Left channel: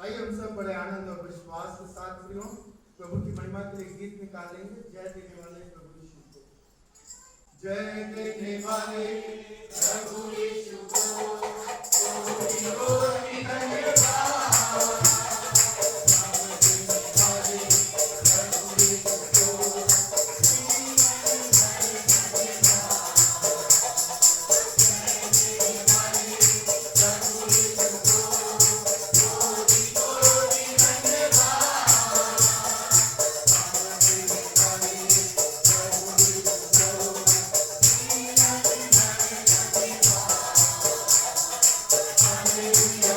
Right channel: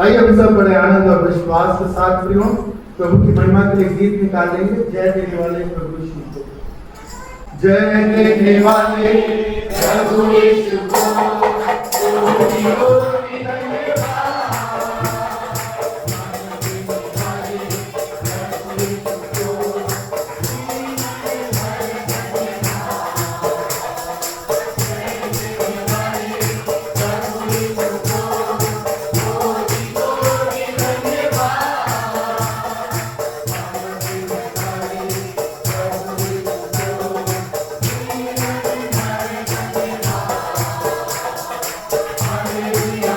आइए हम सब बड़े आनंद और विश्वास के साथ प्रियो प्रभु की महिमा के लिए गीत निकालेंगे। जय देने वाले प्रभु यीशु को, जय देने वाले प्रभु यीशु को, Hallelujah.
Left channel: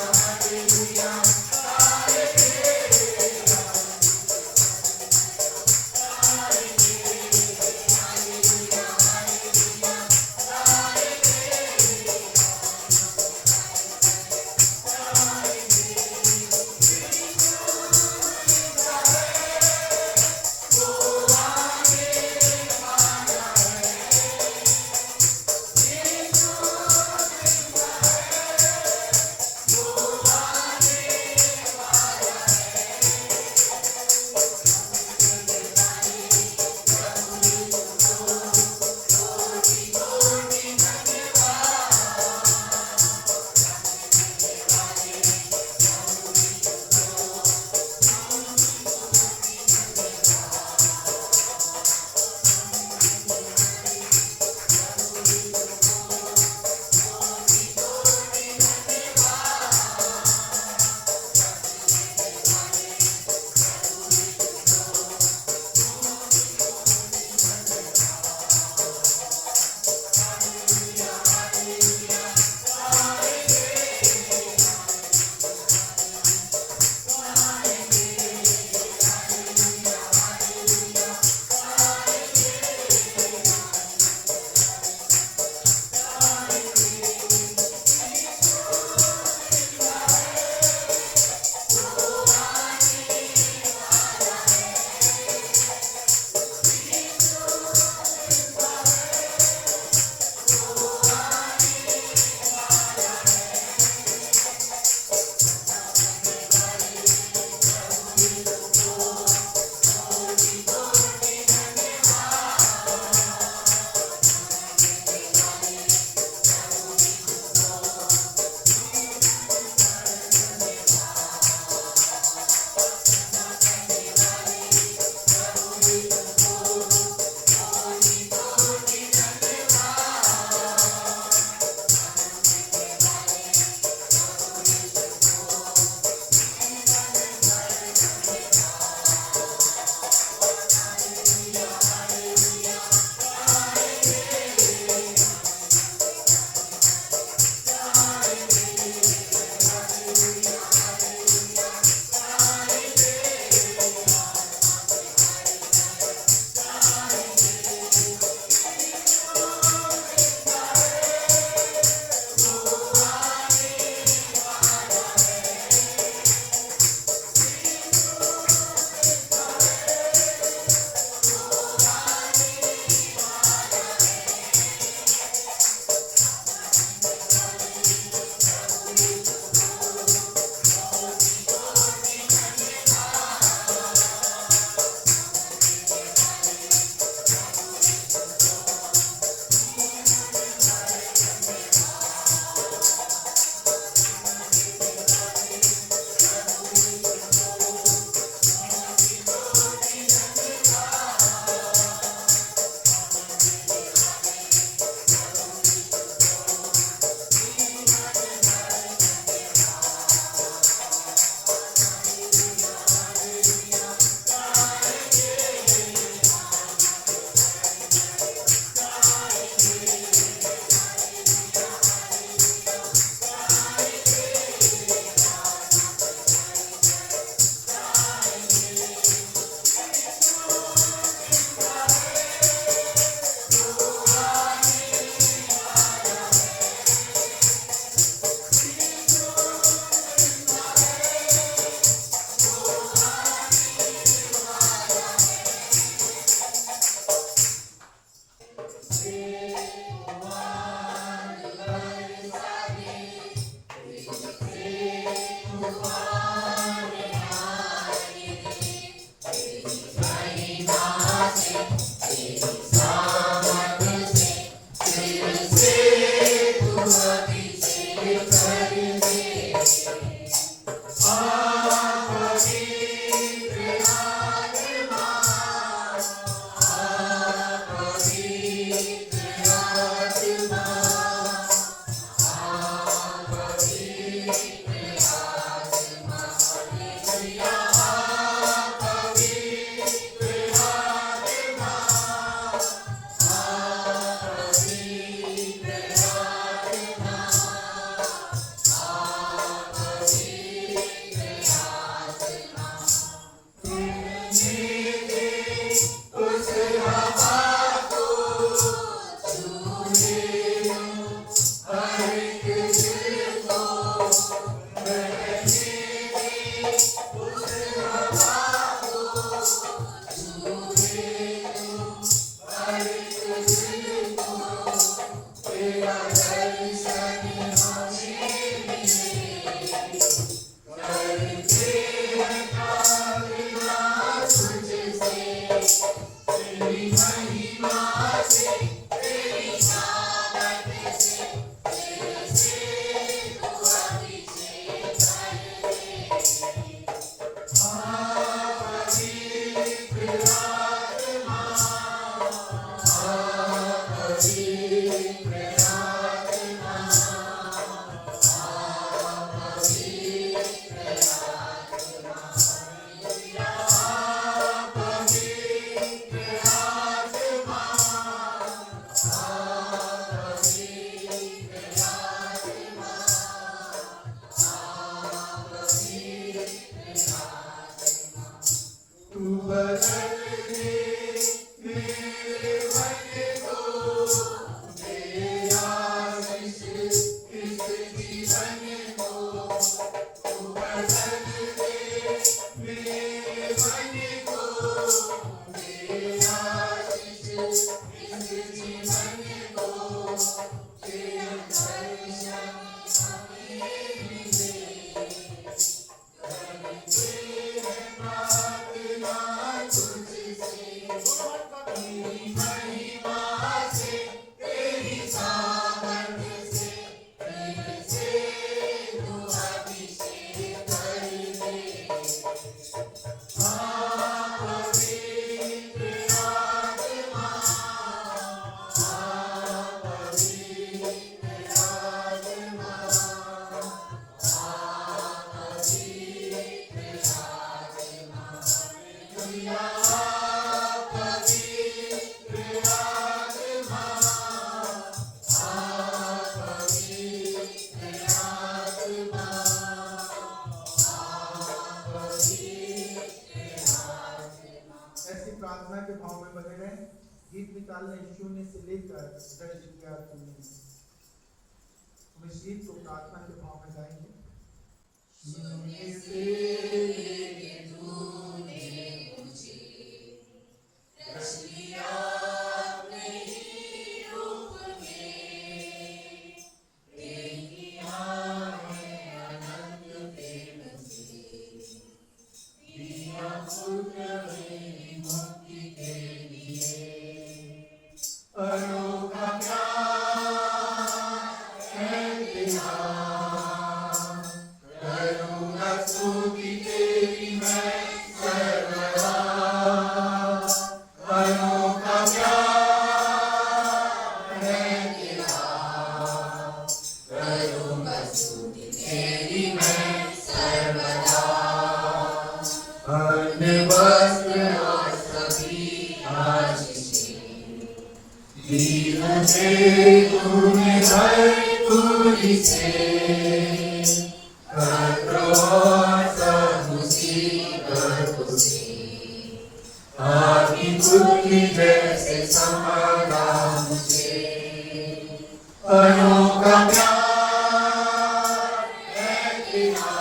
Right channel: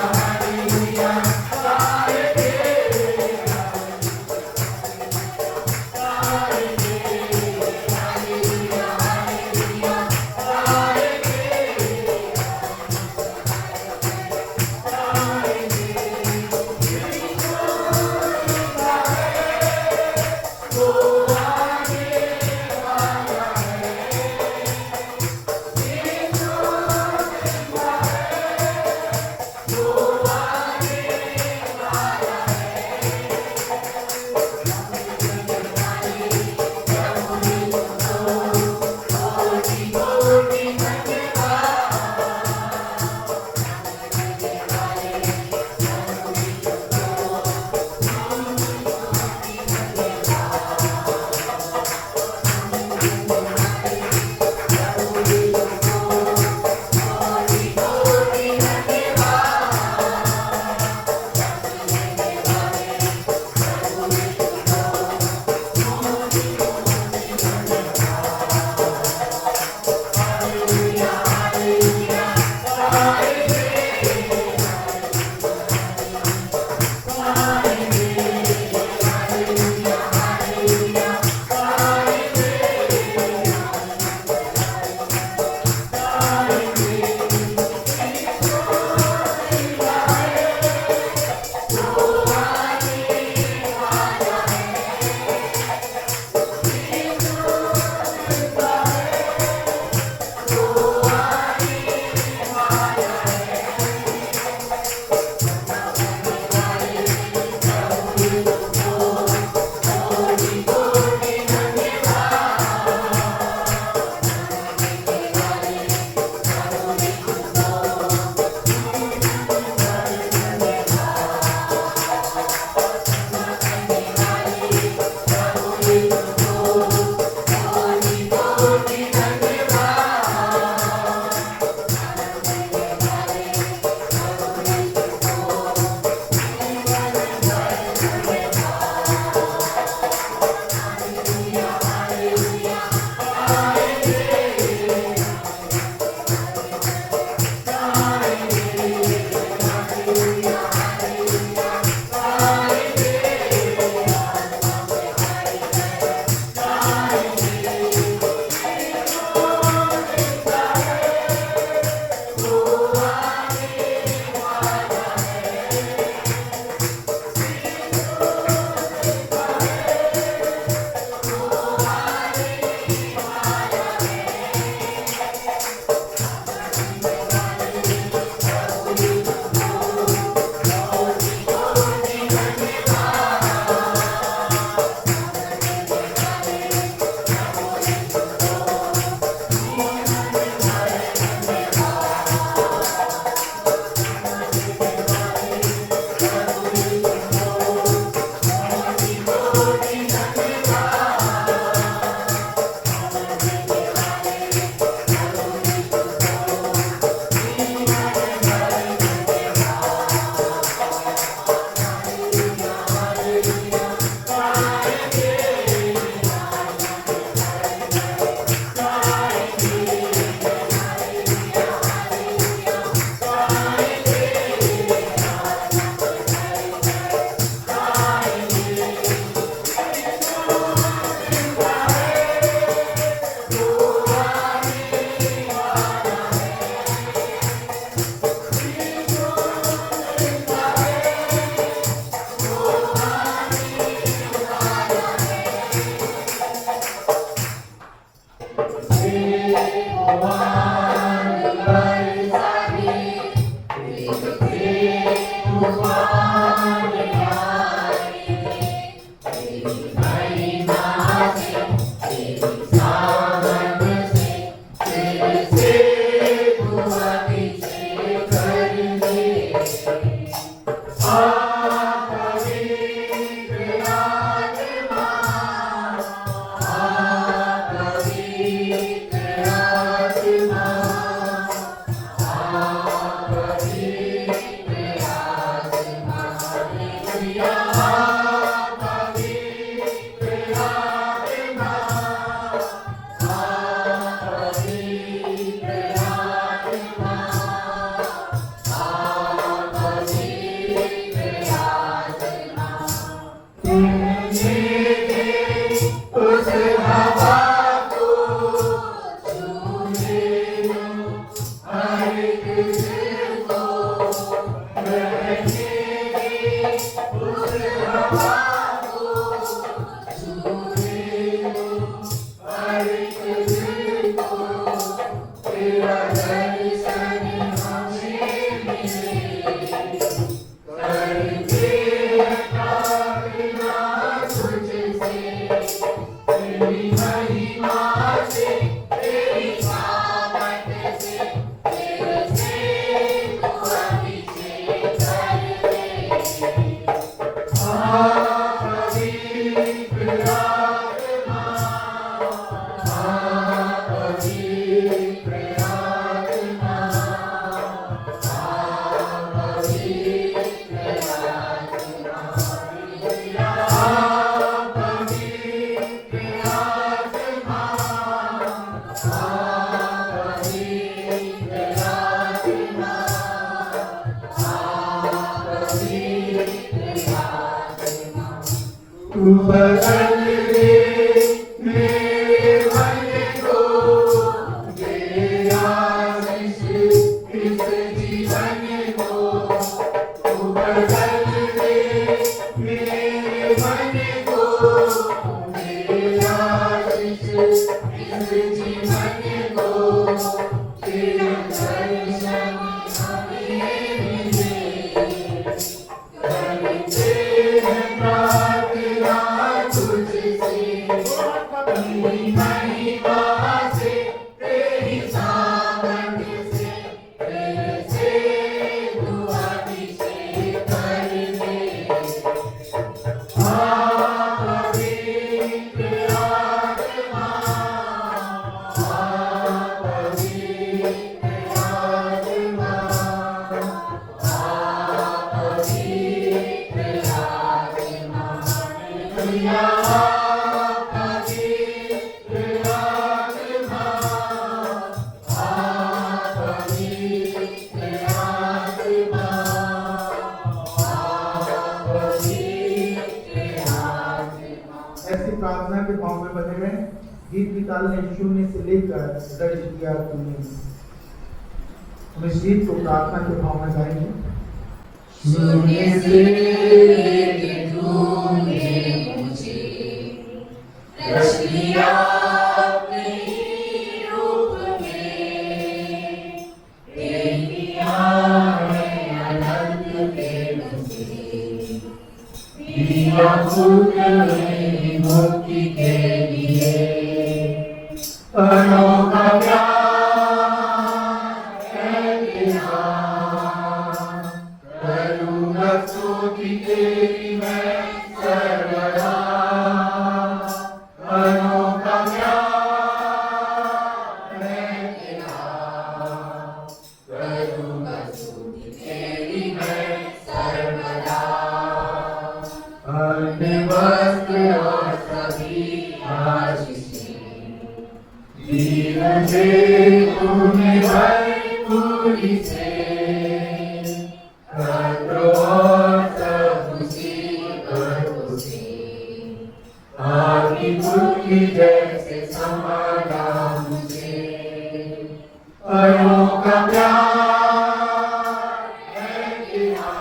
प्रार्थना के भाव में बने हुए गीत निकालने शून्य से लेकर दर्ज किया तुमने। हम इस गीत को प्रार्थना के भाव में गाएंगे। शून्य से लेके तूने मुझे रच लिया अपने ही रूप में, दे दिया है अनंत के मुझे, दिया खुद मुक्ति के लिए। अनोखा प्यार है तेरा, करूँगा स्तुति तेरी मैं सर्वदा। अनोखा प्यार है तेरा, करूँगा स्तुति तेरी मैं सर्वदा। अन्य वस्त्र मुझे तूने भरपूरी से सब खुशी आपकी बुद्धि जैसे समाना मुझे। अनोखा प्यार है तेरा,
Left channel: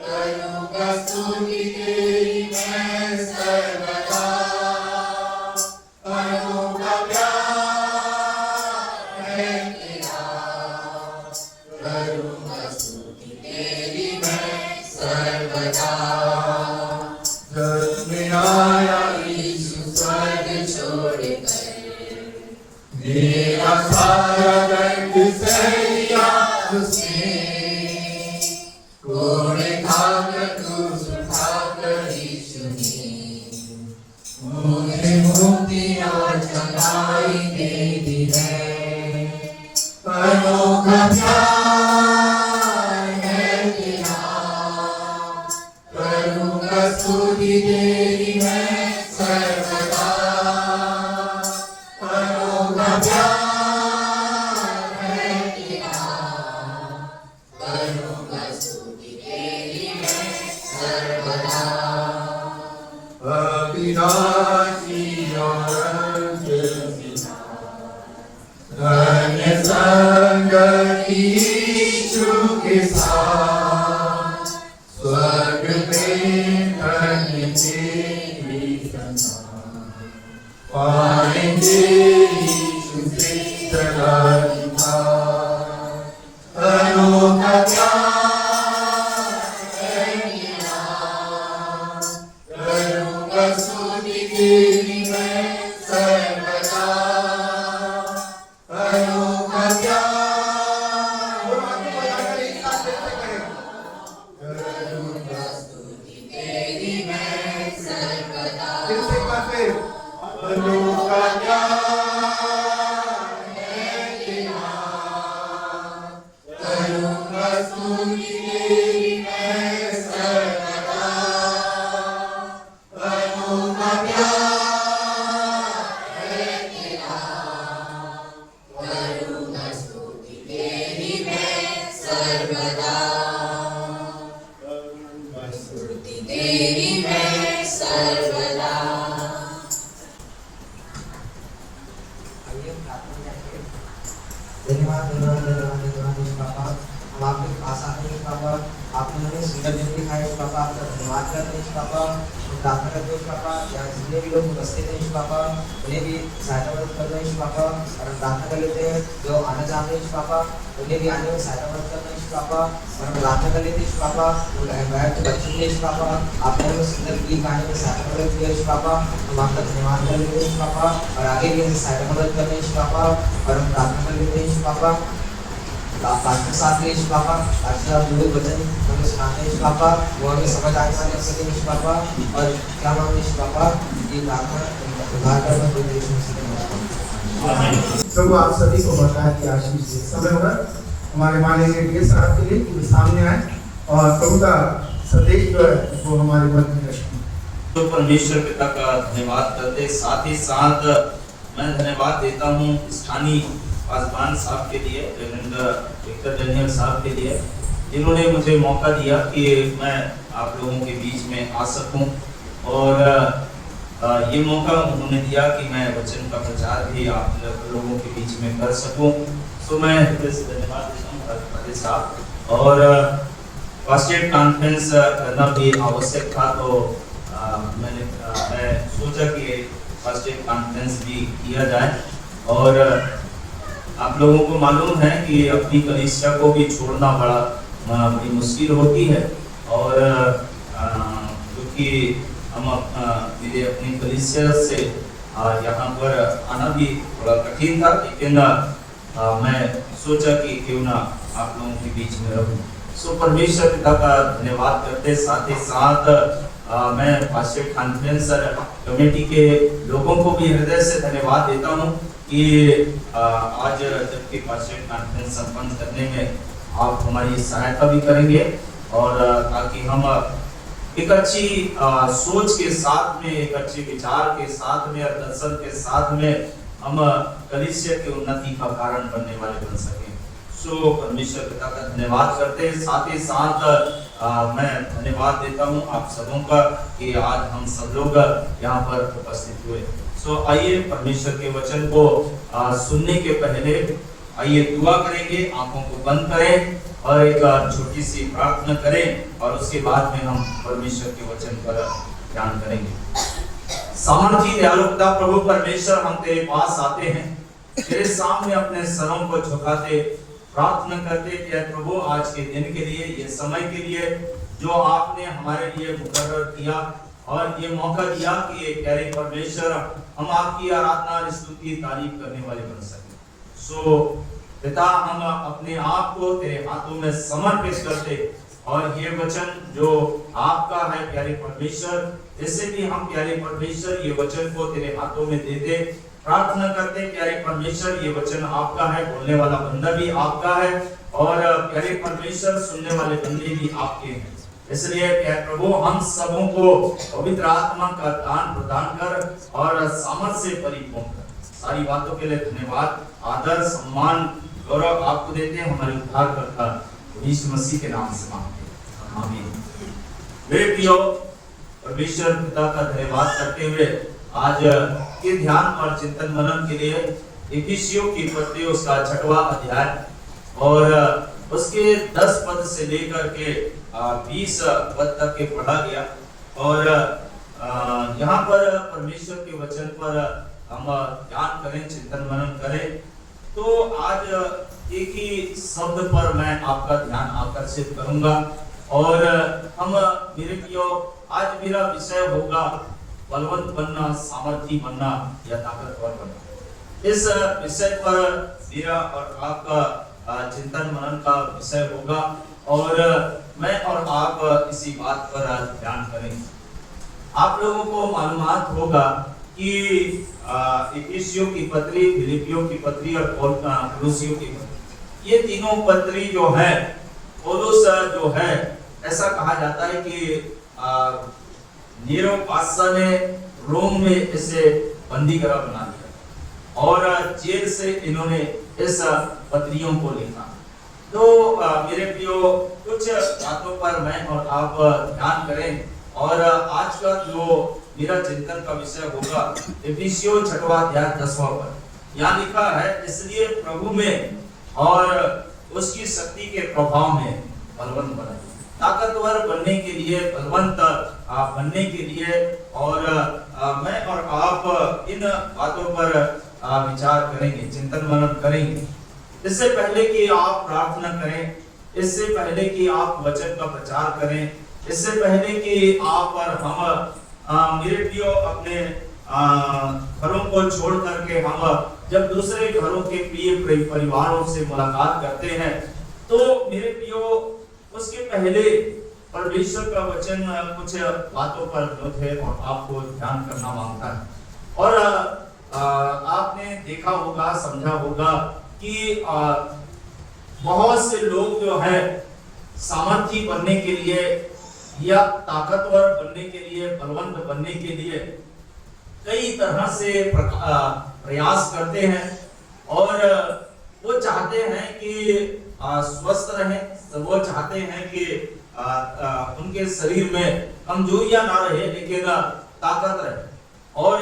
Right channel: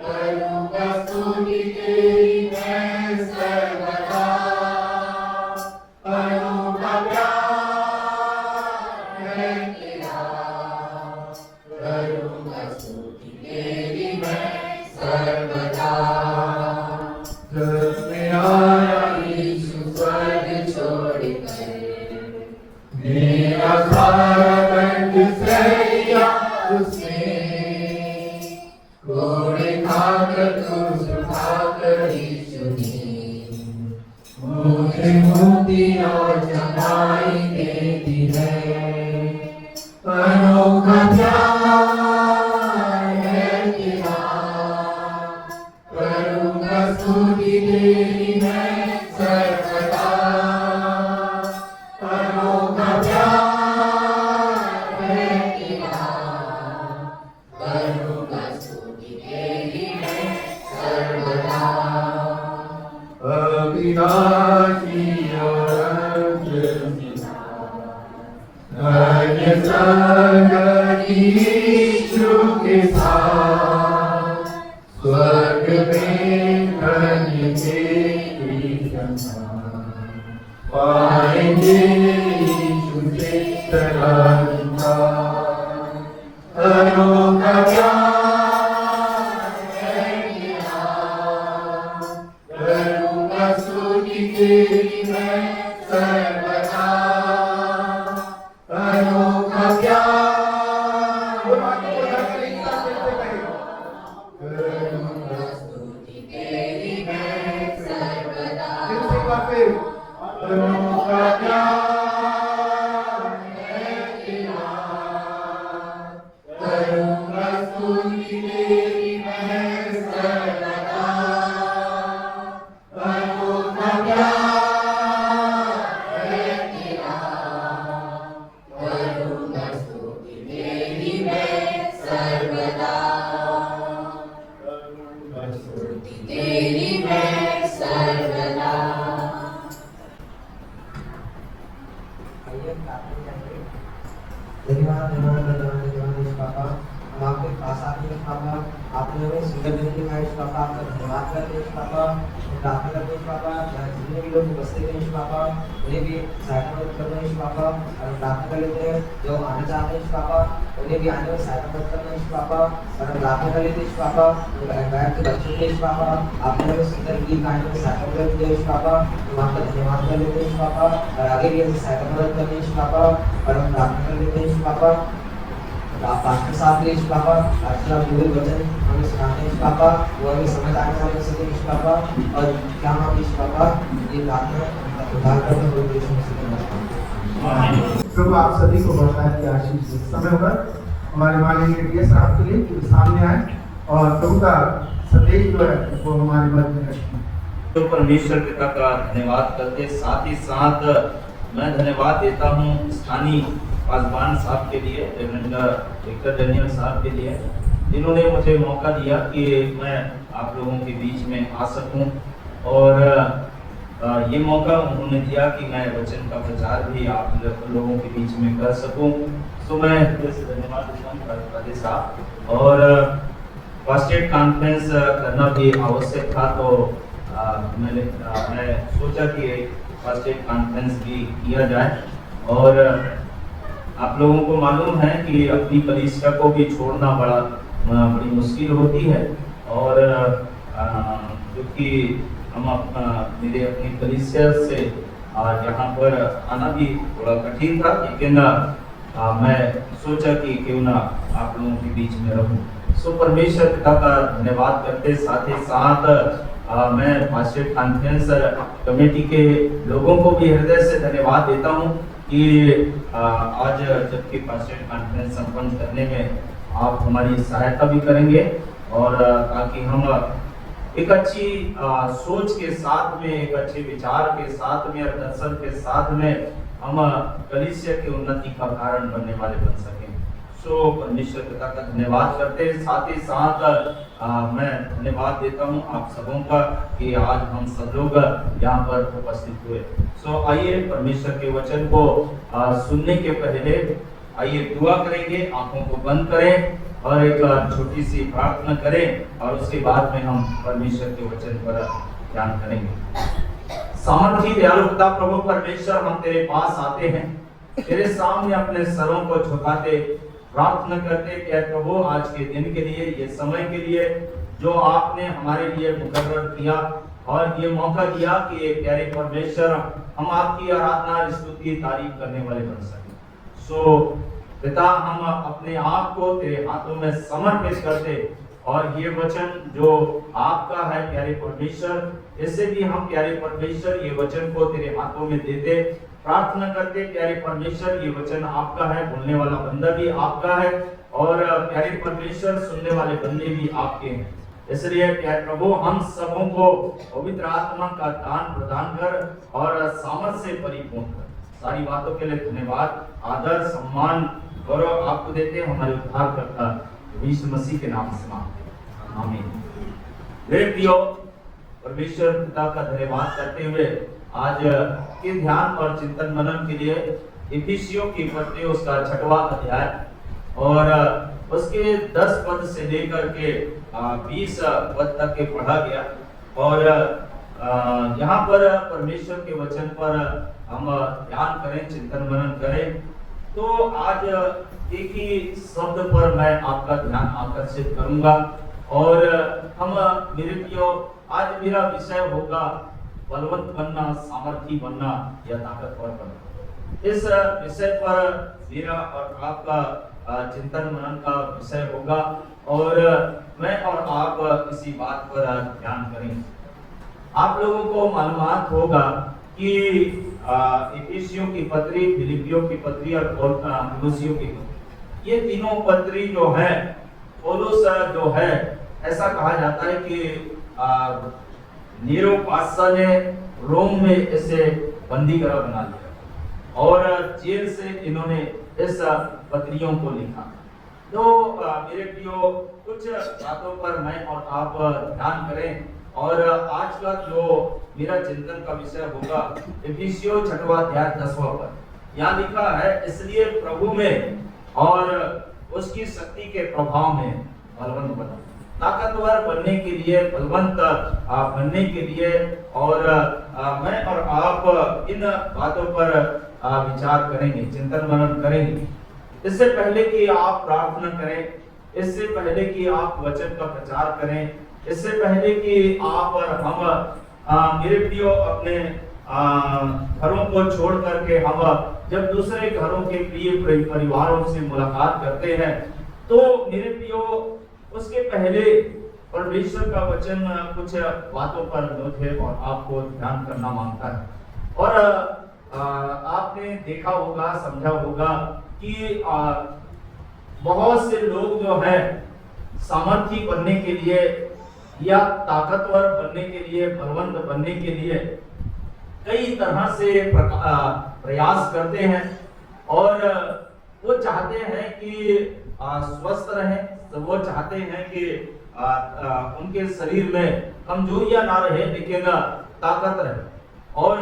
करूँगा स्तुति तेरी मैं सर्वदा। मेरा सारा दर्द सह उसने, कोड़े खाकर क्रूस उठाकर यीशु ने मुझे मुक्ति और चंगाई दे दी है। अनोखा प्यार है तेरा, करूँगा स्तुति तेरी मैं सर्वदा। अनोखा प्यार है तेरा, करूँगा स्तुति तेरी मैं सर्वदा। अविनाशी और अनंत धन्य संगति यीशु के साथ, में धन्य तेरी समान पाएंगे यीशु से सदा अनोखा प्यार है मेरा करूँगा स्तुति तेरी मैं सर्वदा अनोखा प्यार अनोखा प्यार है तेरा करूँगा स्तुति तेरी मैं सर्वदा अनोखा प्यार है तेरा करूँगा स्तुति तेरी मैं सर्वदा स्तुति तेरी मैं सर्वदा। धन्यवाद पापा, हम आपके पास आते हैं पापा, आपने हमें सुंदर दिन दिखाई पापा, आपका धन्यवाद करते हैं पापा, प्रार्थना करते हैं पापा, जितने भी लोग उपस्थित हैं पापा, उन्हें भी सहायता मदद कर रहे हैं पापा, और प्रार्थना कर लेते हैं जो आना चाहते हैं पापा, उन्हें भी आने में सहायता मदद कर रहे हैं पापा, और प्रार्थना कर लेते हैं पापा, बैठ के बच्चों के पापा, आपने हमें सुंदर गीत गाने में सहायता मदद किया है पापा, हम आपका धन्यवाद कर लेते हैं पापा, और आगे भी हमें सहायता मदद कर रहे हैं पापा, और हम प्रार्थना कर लेते हैं पापा, आपके साथ ले पापा, आज आप जो वचन हमें सुनाते हैं पापा, वो हमें समझ आने वाले सके पापा, और क्या नाम है पापा, ये प्रार्थना उद्धार करने को देश में प्रभु आप सभी को बरकत की आशीष दे। समय होगा हमारे माननीय डीएस साहब के लिए कि सामने आए और प्रभु का संदेश जो है वो हमारे मन में रखें। तो परमेश्वर पिता का धन्यवाद करते, साथ ही साथ मैं धन्यवाद देता हूँ स्थानीय पासवान साहब के लिए, विक्टर डेनियल साहब के लिए, जिन्होंने मुझे मौका दिया कि मैं आप लोगों के बीच में आ सकूं, और ये मौका उन्होंने दिया कि मैं वचन का प्रचार भी आप लोगों के बीच में कर सकूं। तो मैं धन्यवाद देता हूँ साहब, और फर्स्ट एड कॉन्फ्रेंस करना भी आवश्यक था, तो मैं सोचा कि फर्स्ट एड कॉन्फ्रेंस भी किया जाए। और आप लोगों को मालूम है कि अपनी कलीसिया को भी छोड़ना बड़ी मुश्किल होती है, और क्योंकि हम मेरे अपनी कलीसिया से यहाँ पर आना भी थोड़ा कठिन था, लेकिन मैं सोचा कि क्यों ना आप लोगों के बीच में रहूं। सो परमेश्वर पिता का धन्यवाद करते, साथ ही साथ मैं फर्स्ट एड कॉन्फ्रेंस कमेटी के लोगों को भी हृदय से धन्यवाद देता हूं कि आज जबकि फर्स्ट एड कॉन्फ्रेंस संपन्न करने में आप हमारी सहायता भी करेंगे, और ताकि हम एक अच्छी सोच के साथ में, एक अच्छे विचार के साथ में, दर्शन के साथ में हम कलीसिया की उन्नति का कारण बनने वाले बन सकें। सो परमेश्वर पिता का धन्यवाद करते हैं, साथ ही साथ मैं धन्यवाद देता हूं आप सबों का कि आज हम सब लोग यहाँ पर उपस्थित हुए। सो आइए परमेश्वर के वचन को सुनने के पहले आइए दुआ करेंगे, आंखों को बंद करें और एक छोटी सी प्रार्थना करें, और उसके बाद में हम परमेश्वर के वचन पर ध्यान करेंगे। सामर्थी दयालु पिता प्रभु परमेश्वर, हम तेरे पास आते हैं, तेरे सामने अपने सरों को झुकाते प्रार्थना करते कि प्रभु आज के दिन के लिए, ये समय के लिए जो आपने हमारे लिए मुकर्रर किया, और ये मौका दिया कि प्यारे परमेश्वर हम आपकी आराधना, स्तुति, तारीफ करने वाले बन सकें। सो पिता, हम अपने आप को तेरे हाथों में समर्पित करते, और ये वचन जो आपका है प्यारे परमेश्वर, ऐसे भी हम प्यारे परमेश्वर ये वचन को तेरे हाथों में देते, प्रार्थना करते प्यारे परमेश्वर ये वचन आपका है, बोलने वाला बंदा भी आपका है, और प्यारे परमेश्वर सुनने वाले बंदे भी आपके हैं। इसलिए प्यारे प्रभु, हम सबों को पवित्र आत्मा का दान प्रदान कर और सामर्थ से परिपूर्ण कर। सारी बातों के लिए धन्यवाद, आदर, सम्मान, गौरव आपको देते हैं, हमारे उद्धारकर्ता यीशु मसीह के नाम से मांगते हैं, आमीन। मेरे प्रियो, परमेश्वर पिता का धन्यवाद करते हुए आज के ध्यान और चिंतन मनन के लिए इफिसियों की पत्री उसका 6वां अध्याय और उसके 10 पद से लेकर के 20 पद तक के पढ़ा गया। और यहाँ पर परमेश्वर के वचन पर हम ध्यान करें, चिंतन मनन करें। तो आज एक ही शब्द पर मैं आपका ध्यान आकर्षित करूंगा और हम मेरे प्रियो, आज मेरा विषय होगा बलवंत बनना, सामर्थी बनना या ताकतवर बनना। इस विषय पर मेरा और आपका चिंतन मनन का विषय होगा और मैं और आप इसी बात पर ध्यान करेंगे। आप लोगों को मालूमात होगा कि इफिसियों की पत्री, फिलिपियों की पत्री और कोलोसियों की पत्री, ये तीनों पत्री जो है, पौलुस जो है, ऐसा कहा जाता है कि नीरो बादशाह ने रोम में इसे बंदी करा बना लिया और जेल से इन्होंने इस पत्रियों को लिखा। तो मेरे प्रियो, कुछ बातों पर मैं और आप ध्यान करें और आज का जो मेरा चिंतन का विषय होगा इफिसियों 6वां अध्याय 10वां पद। यहाँ लिखा है, इसलिए प्रभु में और उसकी शक्ति के प्रभाव में बलवंत बना। ताकतवर बनने के लिए, बलवंत बनने के लिए और मैं और आप इन बातों पर विचार करेंगे, चिंतन मनन करेंगे। इससे पहले कि आप प्रार्थना करें, इससे पहले कि आप वचन का प्रचार करें, इससे पहले कि आप और हम मेरे प्रियो अपने घरों को छोड़ करके हम जब दूसरे घरों के प्रिय परिवारों से मुलाकात करते हैं, तो मेरे प्रियो उसके पहले परमेश्वर का वचन कुछ बातों पर मुझे और आपको ध्यान करना मांगता है। और आपने देखा होगा, समझा होगा कि बहुत से लोग जो है सामर्थी बनने के लिए या ताकतवर बनने के लिए, बलवंत बनने के लिए कई तरह से प्रयास करते हैं और वो चाहते हैं कि स्वस्थ रहें, वो चाहते हैं कि उनके शरीर में कमजोरियां ना रहे लेकिन ताकत रहे। और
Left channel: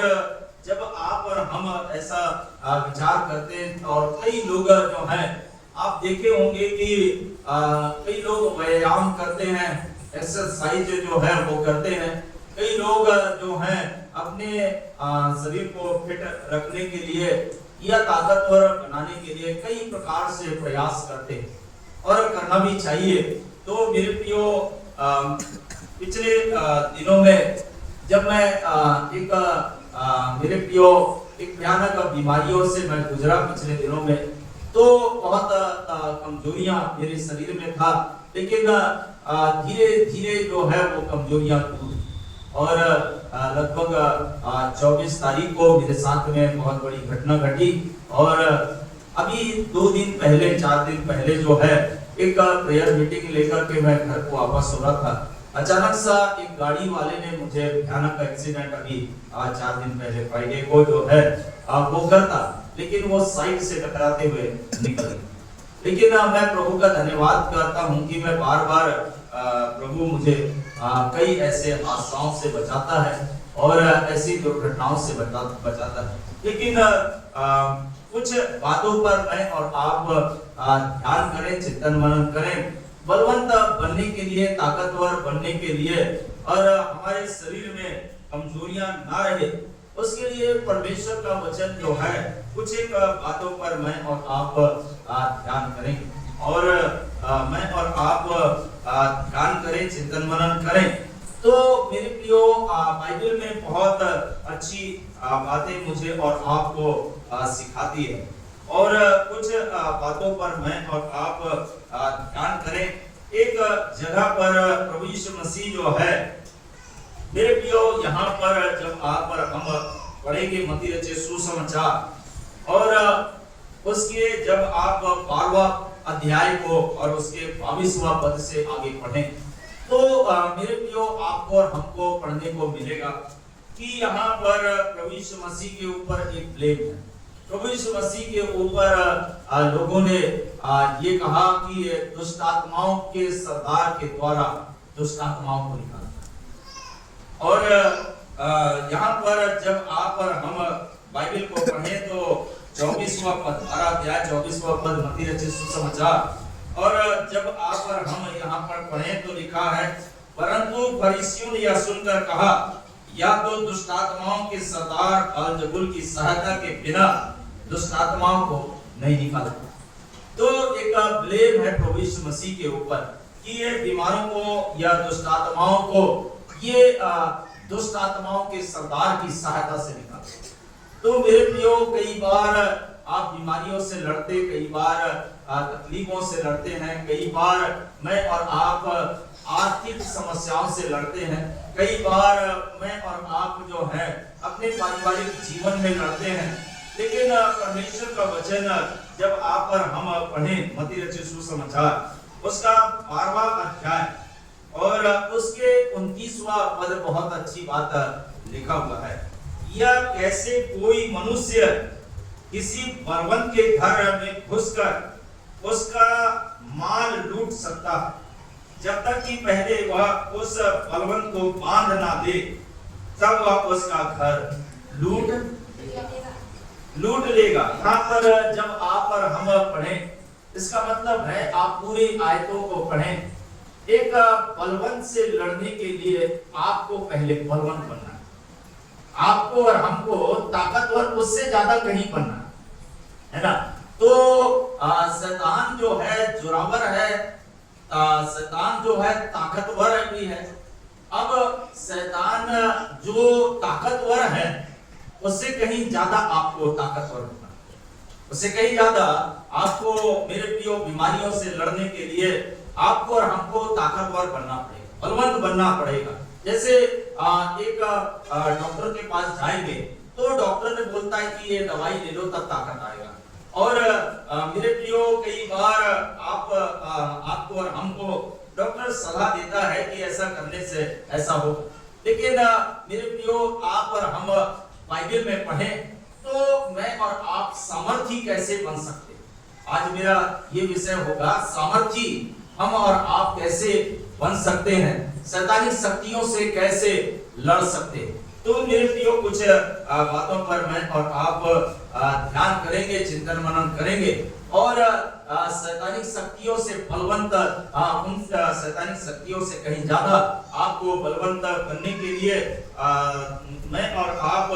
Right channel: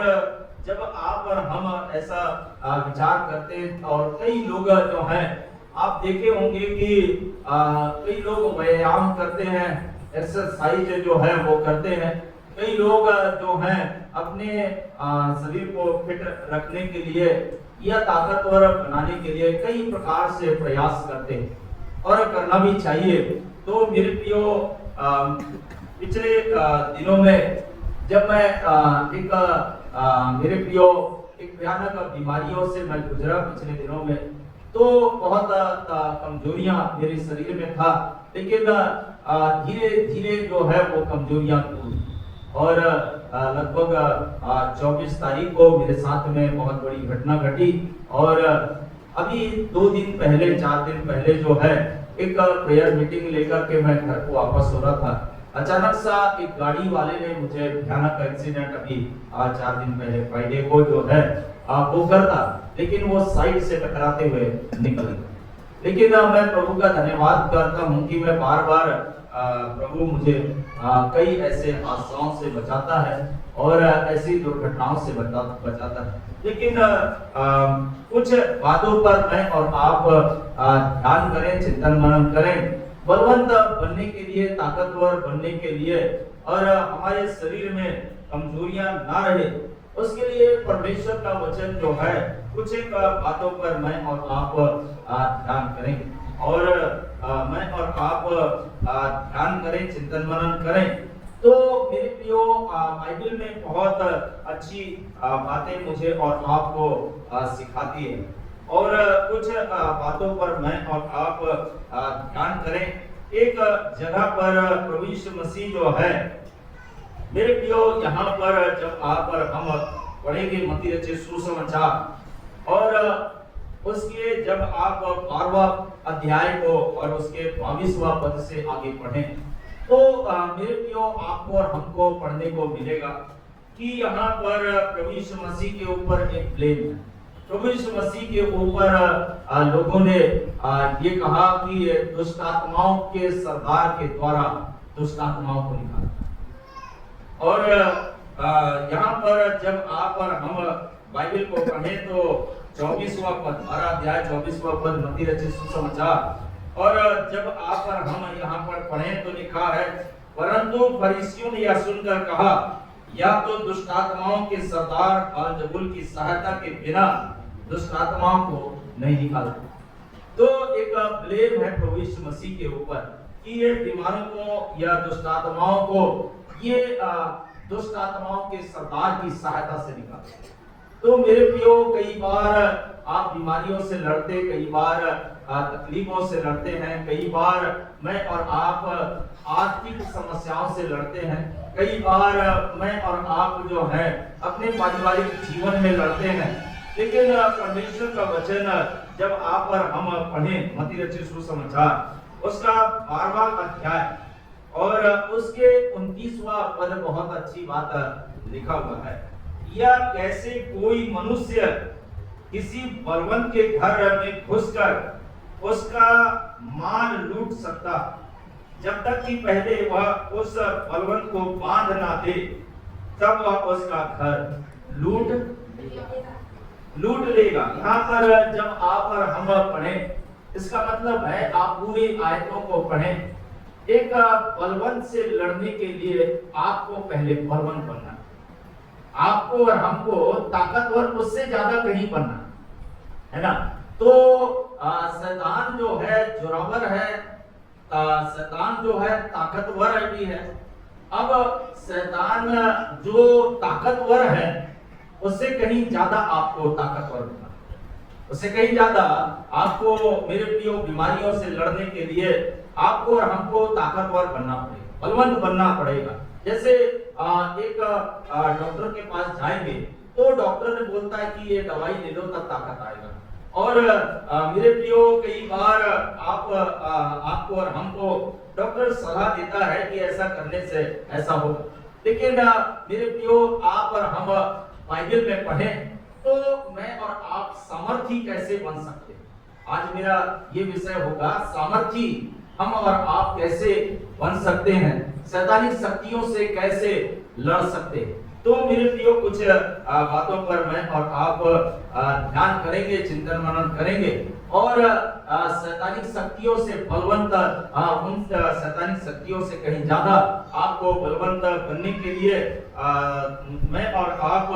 जब आप और हम ऐसा विचार करते हैं और कई लोग जो हैं, आप देखे होंगे कि कई लोग व्यायाम करते हैं, एक्सरसाइज जो है वो करते हैं। कई लोग जो हैं अपने शरीर को फिट रखने के लिए या ताकतवर बनाने के लिए कई प्रकार से प्रयास करते हैं और करना भी चाहिए। तो मेरे प्रियो, पिछले दिनों में जब मैं मेरे प्रियो एक भयानक बीमारियों से मैं गुजरा पिछले दिनों में, तो बहुत कमजोरियां मेरे शरीर में था, लेकिन धीरे धीरे जो है वो कमजोरियां दूर और लगभग 24 तारीख को मेरे साथ में बहुत बड़ी घटना घटी। और अभी 2 दिन पहले, 4 दिन पहले जो है एक प्रेयर मीटिंग लेकर के मैं घर को वापस हो रहा था, अचानक सा एक गाड़ी वाले ने मुझे भयानक एक्सीडेंट अभी 4 दिन पहले फ्राइडे को जो है वो करता, लेकिन वो साइड से टकराते हुए निकल गया। लेकिन मैं प्रभु का धन्यवाद करता हूँ कि मैं बार बार प्रभु मुझे कई ऐसे हादसाओं से बचाता है और ऐसी दुर्घटनाओं से बचाता है। लेकिन कुछ बातों पर मैं और आप ध्यान करें, चिंतन मनन करें। बलवंत बनने के लिए, ताकतवर बनने के लिए और हमारे शरीर में कमजोरियां ना रहे, उसके लिए परमेश्वर का वचन जो है कुछ एक बातों पर मैं और आप ध्यान करें और मैं और आप ध्यान करें, चिंतन मनन करें। तो मेरे प्रियो, बाइबल में बहुत अच्छी बातें मुझे और आपको सिखाती है और कुछ बातों पर मैं और आप ध्यान करें। एक जगह पर प्रभु यीशु मसीह जो है, मेरे प्रियो, यहाँ पर जब आप और हम पढ़ेंगे मत्ती रचित सुसमाचार और उसके जब आप 12वां अध्याय को और उसके 22वां पद से आगे पढ़ें, तो मेरे प्रियो, आपको और हमको पढ़ने को मिलेगा कि यहाँ पर प्रभु यीशु मसीह के ऊपर एक ब्लेम है। प्रभु यीशु मसीह के ऊपर लोगों ने ये कहा कि दुष्ट आत्माओं के सरदार के द्वारा दुष्ट आत्माओं को निकाला। और यहाँ पर जब आप और हम बाइबल को पढ़ें तो 24वां पद, 12 अध्याय 24वां पद मत्ती रचित सुसमाचार और जब आप और हम यहाँ पर पढ़ें तो लिखा है, परंतु फरीसियों ने यह सुनकर कहा, या तो दुष्ट आत्माओं के सरदार बालजबूल की सहायता के बिना दुष्ट आत्माओं को नहीं निकालता। तो एक ब्लेम है प्रभु यीशु मसीह के ऊपर कि ये बीमारों को या दुष्ट आत्माओं को ये दुष्ट आत्माओं के सरदार की सहायता से निकालता। तो मेरे प्रियो, कई बार आप बीमारियों से लड़ते, कई बार तकलीफों से लड़ते हैं, कई बार मैं और आप आर्थिक समस्याओं से लड़ते हैं, कई बार मैं और आप जो है अपने पारिवारिक जीवन में लड़ते हैं। लेकिन परमेश्वर का वचन जब आप और हम पढ़ें मत्ती रचित सुसमाचार उसका 12वां अध्याय और उसके 29वां पद, बहुत अच्छी बात लिखा हुआ है। या कैसे कोई मनुष्य किसी बलवंत के घर में घुसकर उसका माल लूट सकता, जब तक कि पहले वह उस बलवंत को बांध ना दे, तब वह उसका घर लूट लेगा। यहाँ पर जब आप और हम पढ़ें, इसका मतलब है आप पूरी आयतों को पढ़ें। एक बलवंत से लड़ने के लिए आपको पहले बलवंत बनना, आपको और हमको ताकतवर उससे ज्यादा कहीं बनना है ना। तो शैतान जो है जोरावर है, शैतान जो है ताकतवर भी है। अब शैतान जो ताकतवर है उससे कहीं ज्यादा आपको ताकतवर बनना, उससे कहीं ज्यादा आपको मेरे प्रियो बीमारियों से लड़ने के लिए आपको और हमको ताकतवर बनना पड़ेगा, बलवंत बनना पड़ेगा। जैसे एक डॉक्टर के पास जाएंगे तो डॉक्टर ने बोलता है कि ये दवाई ले लो तब ताकत आएगा। और मेरे प्रियो, कई बार आपको और हमको डॉक्टर सलाह देता है कि ऐसा करने से ऐसा होगा, लेकिन मेरे प्रियो आप और हम बाइबल में पढ़ें तो मैं और आप सामर्थी कैसे बन सकते हैं। आज मेरा ये विषय होगा, सामर्थी हम और आप कैसे बन सकते हैं, शैतानी शक्तियों से कैसे लड़ सकते हैं। तो मेरे प्रियो, कुछ बातों पर मैं और आप ध्यान करेंगे, चिंतन मनन करेंगे और शैतानी शक्तियों से बलवंत, उन शैतानी शक्तियों से कहीं ज्यादा आपको बलवंत बनने के लिए मैं और आप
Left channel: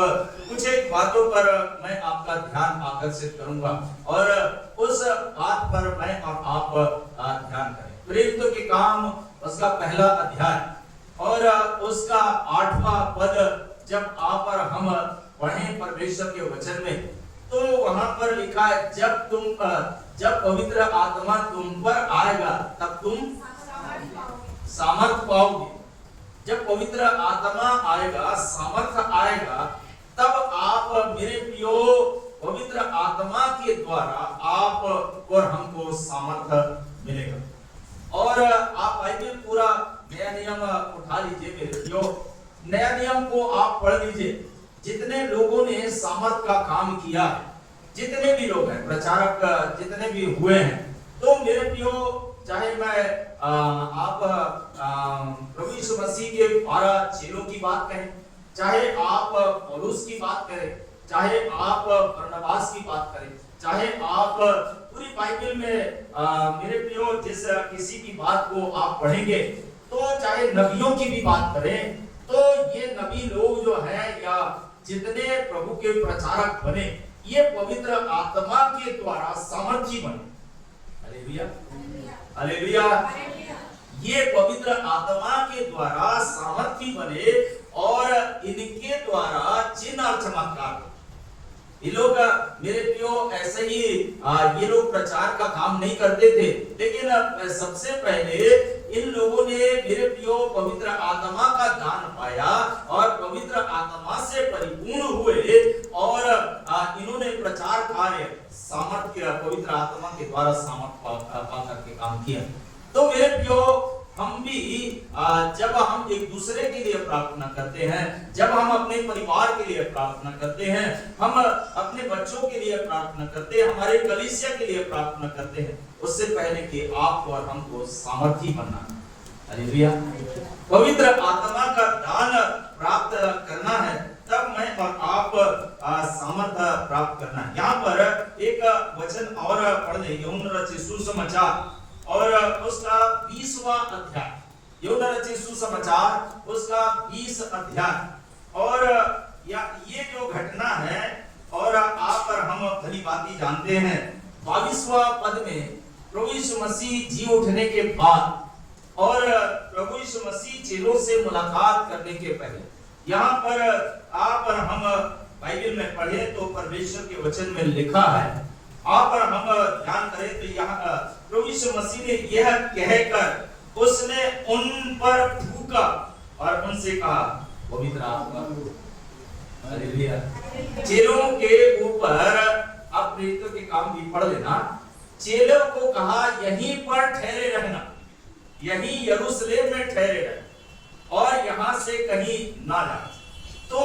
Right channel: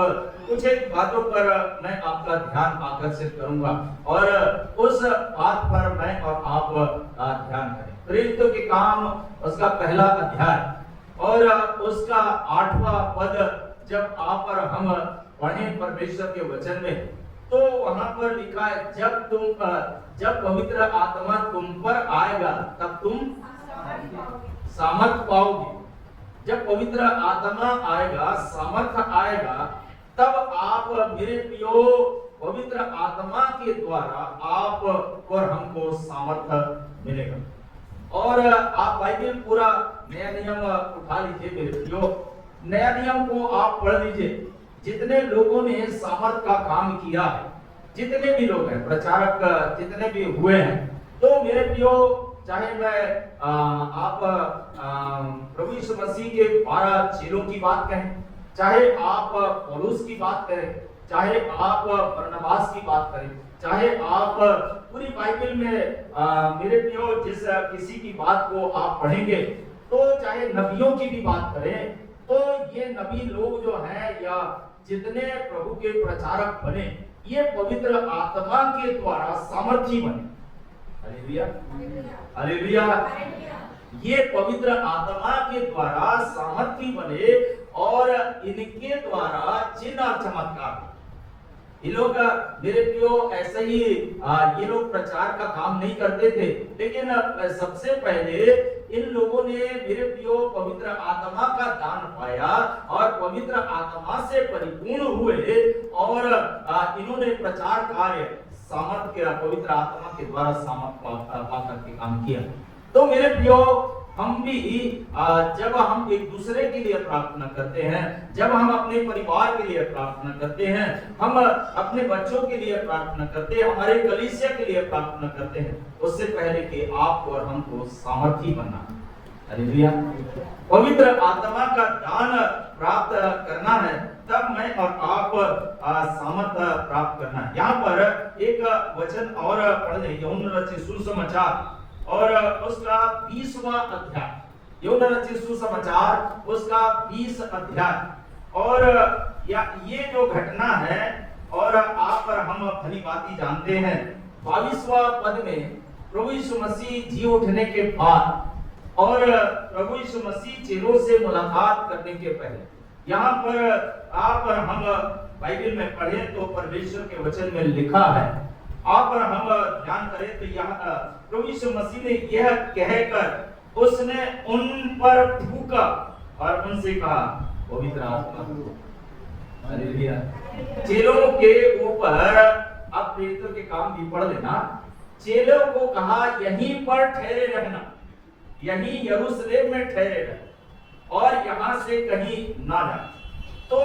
कुछ एक बातों पर मैं आपका ध्यान आकर्षित करूंगा और उस बात पर मैं और आप ध्यान करें। प्रेरितों के काम उसका पहला अध्याय और उसका 8वां पद जब आप और हम पढ़ें परमेश्वर के वचन में, तो वहां पर लिखा है, जब पवित्र आत्मा तुम पर आएगा तब तुम सामर्थ पाओगे। जब पवित्र आत्मा आएगा, सामर्थ आएगा, तब आप मेरे प्रियो पवित्र आत्मा के द्वारा आप और हमको सामर्थ मिलेगा। और आप बाइबल पूरा नया नियम उठा लीजिए मेरे प्रियो, नया नियम को आप पढ़ लीजिए। जितने लोगों ने सामर्थ का काम किया है, जितने भी लोग हैं, प्रचारक जितने भी हुए हैं, तो मेरे प्रियो, चाहे मैं आप प्रभु यीशु मसीह के 12 चेलों की बात कहें, चाहे आप पौलुस की बात करें, चाहे आप बरनबास की बात करें, चाहे आप पूरी बाइबल में मेरे प्रियो जिस किसी की बात को आप पढ़ेंगे, तो चाहे नबियों की भी बात करें, तो ये नबी लोग जो है या जितने प्रभु के प्रचारक बने, ये पवित्र आत्मा के द्वारा सामर्थी बने। Hallelujah, hallelujah. ये पवित्र आत्मा के द्वारा सामर्थी बने और इनके द्वारा चिन्ह और चमत्कार। ये लोग मेरे प्रियो ऐसे ही ये लोग प्रचार का काम नहीं करते थे, लेकिन सबसे पहले इन लोगों ने मेरे प्रियो पवित्र आत्मा का दान पाया और पवित्र आत्मा से परिपूर्ण हुए और इन्होंने प्रचार कार्य सामर्थ्य पवित्र आत्मा के द्वारा सामर्थ्य पाकर के काम किया। तो मेरे प्रियो, हम भी जब हम एक दूसरे के लिए प्रार्थना करते हैं, जब हम अपने परिवार के लिए प्रार्थना करते हैं, हम अपने बच्चों के लिए प्रार्थना करते हैं, हमारे कलीसिया के लिए प्रार्थना करते हैं, उससे पहले कि आप और हमको सामर्थी बनना है। हालेलुया। पवित्र आत्मा का दान प्राप्त करना है, तब मैं और आप सामर्थ्य प्राप्त करना है। यहाँ पर एक वचन और पढ़ ले, यूहन्ना रचित सुसमाचार और उसका 20वां अध्याय, यूहन्ना रचित सुसमाचार उसका 20 अध्याय। और ये जो घटना है और आप और हम भली भांति जानते हैं, 22वां पद में प्रभु यीशु मसीह जी उठने के बाद और प्रभु यीशु मसीह चेलों से मुलाकात करने के पहले, यहाँ पर आप और हम बाइबल में पढ़े तो परमेश्वर के वचन में लिखा है, आप और हम ध्यान करें तो यहाँ प्रभु यीशु मसीह ने यह कहकर उसने उन पर फूंका और उनसे कहा पवित्र आत्मा। हालेलुया। चेलों के ऊपर आप प्रेरितों के काम भी पढ़ लेना, चेलों को कहा यहीं पर ठहरे रहना, यहीं यरूशलेम में ठहरे रहना और यहाँ से कहीं ना जाना। तो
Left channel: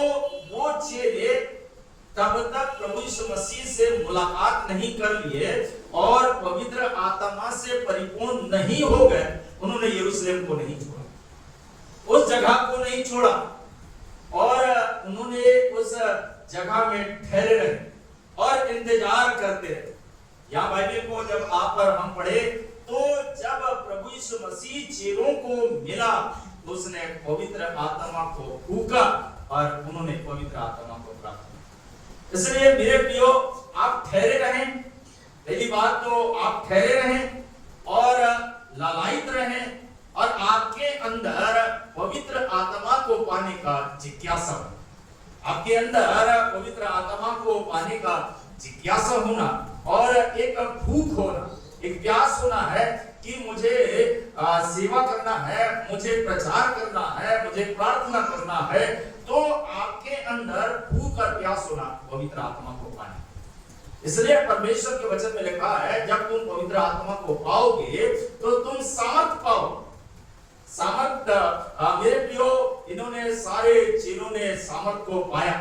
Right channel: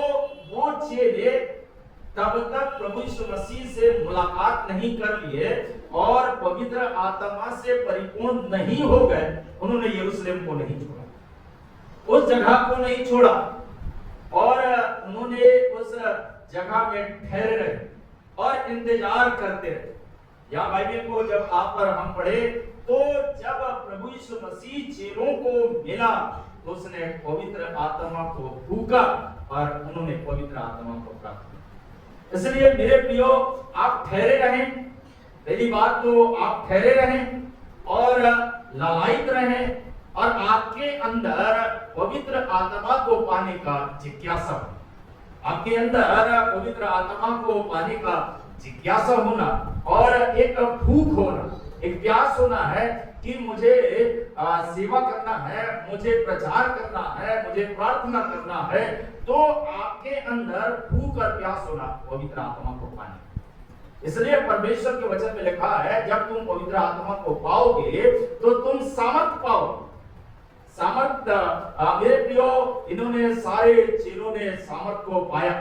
वो चेले तब तक प्रभु यीशु मसीह से मुलाकात नहीं कर लिए और पवित्र आत्मा से परिपूर्ण नहीं हो गए, उन्होंने यरूशलेम को नहीं छोड़ा, उस जगह को नहीं छोड़ा और उन्होंने उस जगह में ठहरे रहे और इंतजार करते रहे। यहाँ बाइबल को जब आप पर हम पढ़े तो जब प्रभु यीशु मसीह चेलों को मिला तो उसने पवित्र आत्मा को फूंका और उन्होंने पवित्र आत्मा को प्राप्त किया। इसलिए मेरे प्रियो, आप ठहरे रहें, पहली बात तो आप ठहरे रहें और लालायित रहें और आपके अंदर पवित्र आत्मा को पाने का जिज्ञासा हो, आपके अंदर पवित्र आत्मा को पाने का जिज्ञासा होना और एक भूख होना, एक प्यास होना है कि मुझे सेवा करना है, मुझे प्रचार करना है, मुझे प्रार्थना करना है। तो आपके अंदर भूख और प्यास होना पवित्र आत्मा को पाने। इसलिए परमेश्वर के वचन में लिखा है, जब तुम पवित्र आत्मा को पाओगे तो तुम सामर्थ पाओगे। सामर्थ मेरे प्रियो, इन्होंने सारे चेलों ने सामर्थ को पाया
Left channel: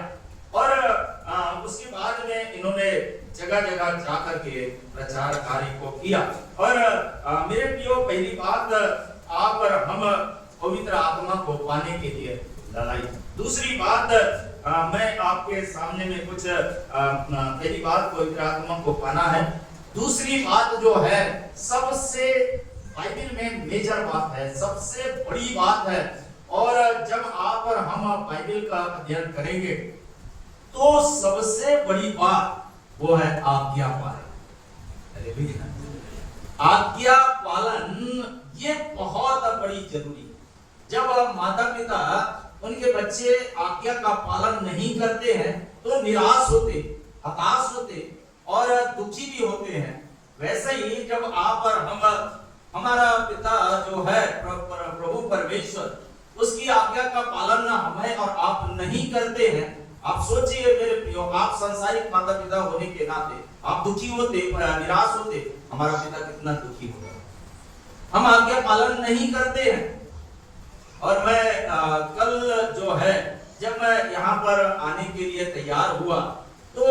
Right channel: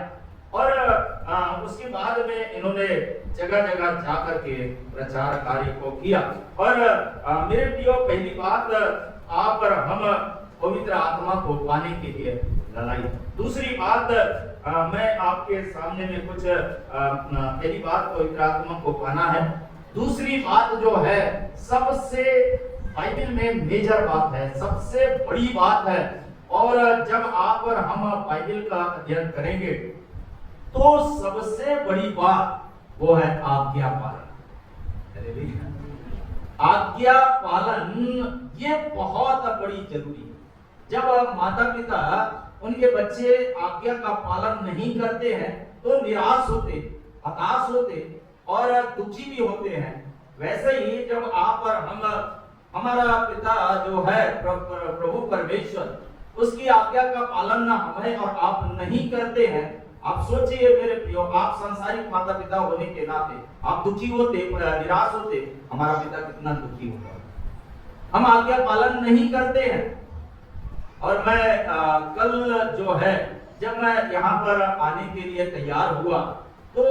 और उसके बाद में इन्होंने जगह जगह जाकर के प्रचार कार्य को किया। और मेरे प्रियो, पहली बात आप और हम पवित्र आत्मा को पाने के लिए लड़ाई। दूसरी बात मैं आपके सामने में कुछ पहली बात पवित्र आत्मा को पाना है। दूसरी बात जो है सबसे बाइबल में मेजर बात है, सबसे बड़ी बात है। और जब आप और हम बाइबल का अध्ययन करेंगे तो सबसे बड़ी बात वो है आज्ञा पालन। आज्ञा पालन ये बहुत बड़ी जरूरी है। जब माता पिता उनके बच्चे आज्ञा का पालन नहीं करते हैं तो निराश होते, हताश होते और दुखी भी होते हैं। वैसे ही जब आप और हम, हमारा पिता जो है प्रभु परमेश्वर, उसकी आज्ञा का पालन ना हमें और आप नहीं करते हैं, आप सोचिए मेरे प्रियो, आप संसारिक माता पिता होने के नाते आप दुखी होते, निराश होते, हमारा पिता कितना दुखी होगा। हम आज्ञा पालन नहीं करते हैं। और मैं कल जो है जब मैं यहाँ पर आने के लिए तैयार हुआ तो